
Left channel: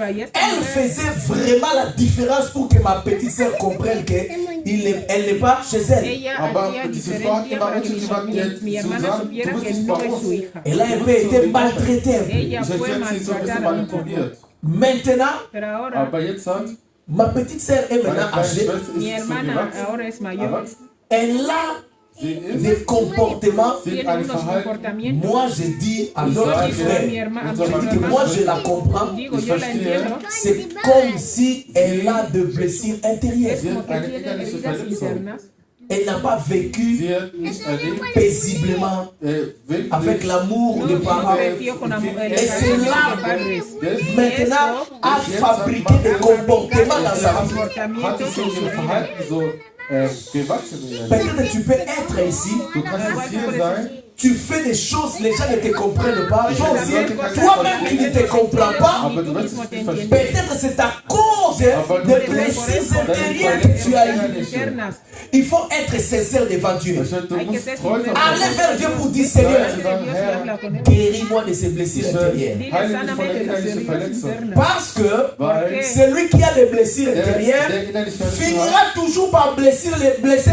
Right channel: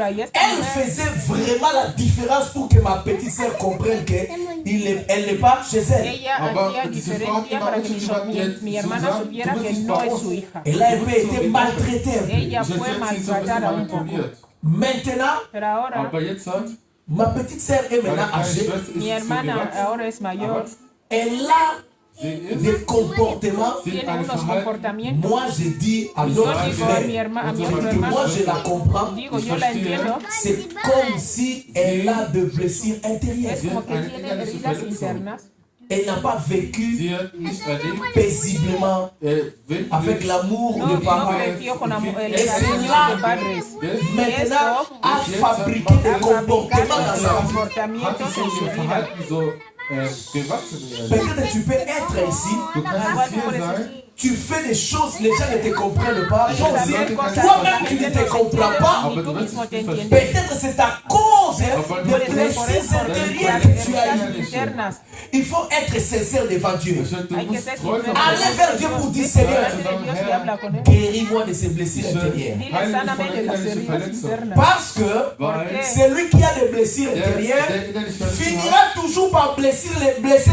Elle elle faisait vraiment la différence pour que ma petite sœur comprenne qu'elle n'est pas chez elle. Ella Aber hacía diese Frau hat diferencia immer para que uns mi hermana gesagt, supiera du que bist nicht no bei es uns. su hija. Elle a été maltraitée un peu. Ella Ich fue hätte sie so ein bisschen maltratada un poco. manipuliert. Maintenant, Pero ahora Aber jetzt hat ma petite sœur est meine maintenant kleine âgée. Schwester mi ist so hermana gewachsen, ahora es mayor. aber Elle a sie ist des comportements. sie Tiene hat ein unos Verhalten. comportamientos. Moi, je dis à Ich notre sage, Mi frère hermana, unser que moi, je la comprends. digo, Ich yo la verstehe. entiendo. C'est comme si elle a de blessures intérieures. Sie Como hat que eine tiene innerliche heridas Verletzung. internas. Elle n'a pas vécu Sie hat nicht erlebt, paisiblement wirklich avec l'amour No, des parents. creció con amor, el Et c'est cariño là de padres. maintenant a fabriqué des comportements dans sa vie. hat sich so ein Verhalten so gewachsen in ihr Leben. Peut-être tu peux être ici, Du kannst jetzt hier sein, tu fais des choses, les gens ne te comprennent pas. Toi aussi, toi-même tu ne te comprends pas. aber du wirst es nicht verstehen. Peut-être c'est à cause des blessures intérieures que tu as eues. Internas. Il faut être sincère devant Dieu. Du musst treu sein. Allez vers Dieu pour dire Seigneur, Zu sagen, Herr, guéris-moi de ces blessures intérieures. heile mich von der innerlichen Verletzung. Parce que Weil celui qui a des blessures intérieures der innerliche Verletzung hat, finira toujours par blesser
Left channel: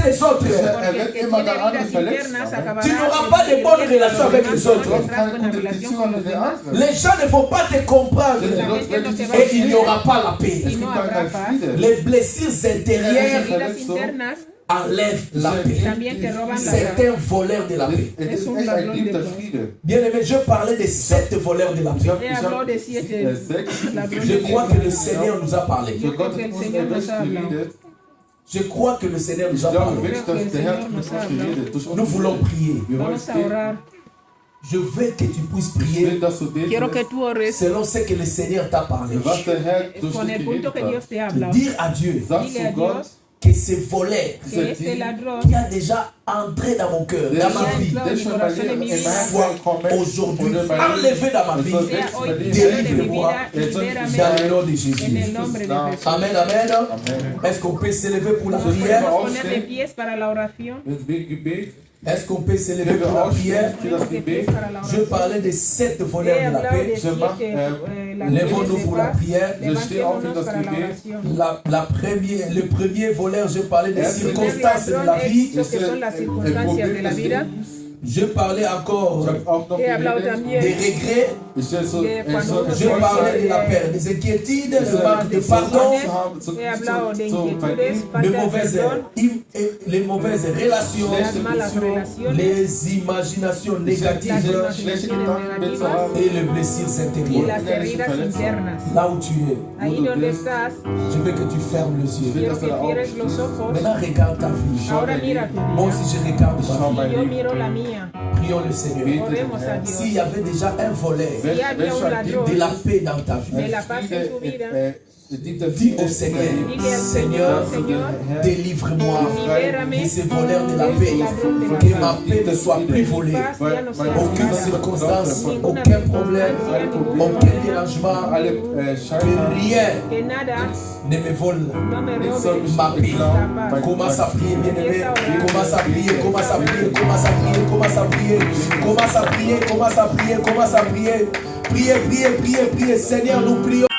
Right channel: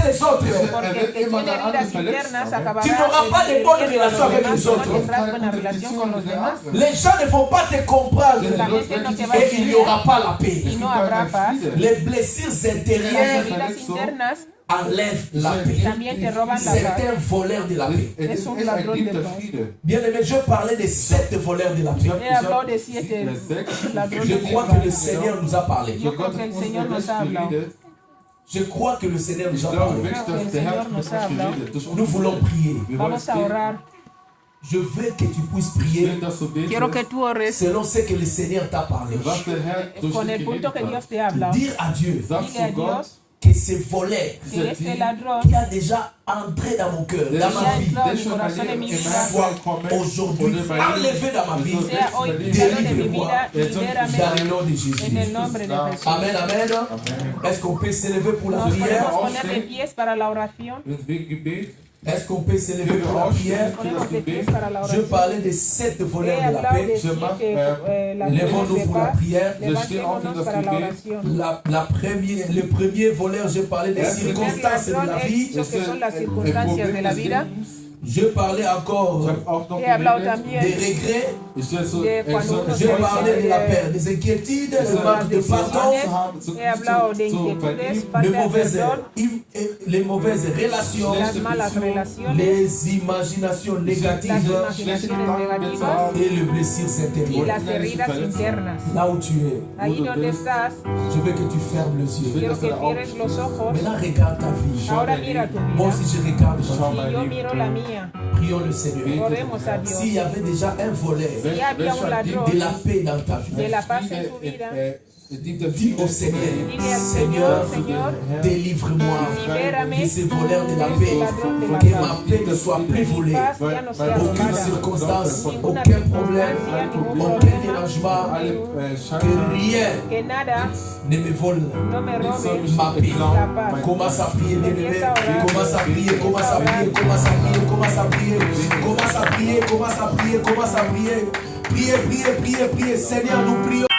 les autres. er wird immer der andere verletzen. Tu n'auras pas de bonnes relations avec les autres. Keine gute Beziehung mit den anderen. Les gens ne vont pas te comprendre et il n'y aura pas la paix. Es gibt keinen Frieden. Les blessures intérieures Heridas internas enlèvent la paix. también te roban la C'est paz. un voleur de la paix. Es ist echt ein Dieb der Friede. Bien aimé, je parlais des 7 voleurs de la Ich paix. habe He hablado de siete 6. ladrones Je de crois paz. que le Seigneur nous a parlé. So Gott hat uns erwäscht geredet. Je crois que le Seigneur nous Ich a glaube parlé. wirklich, dass der Herr mit uns geredet. Durch uns Nous voulons prier. Wir wollen Vamos a beten. orar. Je veux que tu puisses Ich will, prier dass du Quiero que betest, tú ores selon ce que le Seigneur t'a parlé. was der Herr durch con dich el punto geredet que Dios hat. te habla. Dire à Dieu Sagst Dile a du Gott, Dios que ces voleurs que este dieser Dieb, ladrón qui a déjà entré dans mon cœur, dans ma vie, der schon mein Leben in mein soit Leben kommen aujourd'hui oder mein enlevé Leben, dans ma es vie. soll sea weg hoy mein Leben. quitado de mi Délivre-moi. vida y Dans libérame le nom de en Jésus. el nombre de Jesús. Amen, amen. Amen. Est-ce qu'on peut s'élever pour la Nos prière? podemos poner de pies para la oración. Wegen Gebet, Est-ce qu'on peut s'élever wenn wir pour la prière? aufstehen für das Ponemos de pies Gebet, para la Je oración. parlais des 7 He voleurs de la hablado de paix. siete ladrones Lèvons-nous de pour la paz. prière. Levantémonos para la oración. Le premier voleur, je parlais des circonstances de la vie. Dicho que son las circunstancias de la vida. Je parlais encore ich habe auch noch He hablado geredet, también des regrets. ich soll so, de ich soll cuando Je stolz parlais de sein, la perte, des inquiétudes, le manque de pardon, He hablado de zu inquietudes, vergeben, falta de de perdón, les mauvaises relations, las malas relaciones, les imaginations négatives schlechte Gedanken zu haben, et les blessures y intérieures. las heridas internas. Là où tu es, Ahí donde estás, je veux que tu fermes les yeux. quiero que cierres los ojos. Maintenant, regarde ta vie. Ahora mira tu Moi vida. aussi, je regarde ta schau vie. mein Y yo Leben. miro la mía. Prions Prions le Seigneur. Oremos a Dios. S'il y avait déjà un volet Si había un ladrón de la paix dans ta de vie, la paz en tu vida, dis au Seigneur, Seigneur, délivre-moi de ces voleurs de la paix, que ma paix ne soit plus volée. Aucune circonstance, aucun problème, aucun dérangement, que rien que nada ne me vole no me robe ma paix. la paz. Commence à prier, bien-aimé. Commence à prier, commence à prier, commence à prier, commence à prier, commence à prier, commence à prier, commence à prier. Priez, priez, priez, priez. Seigneur, nous prions.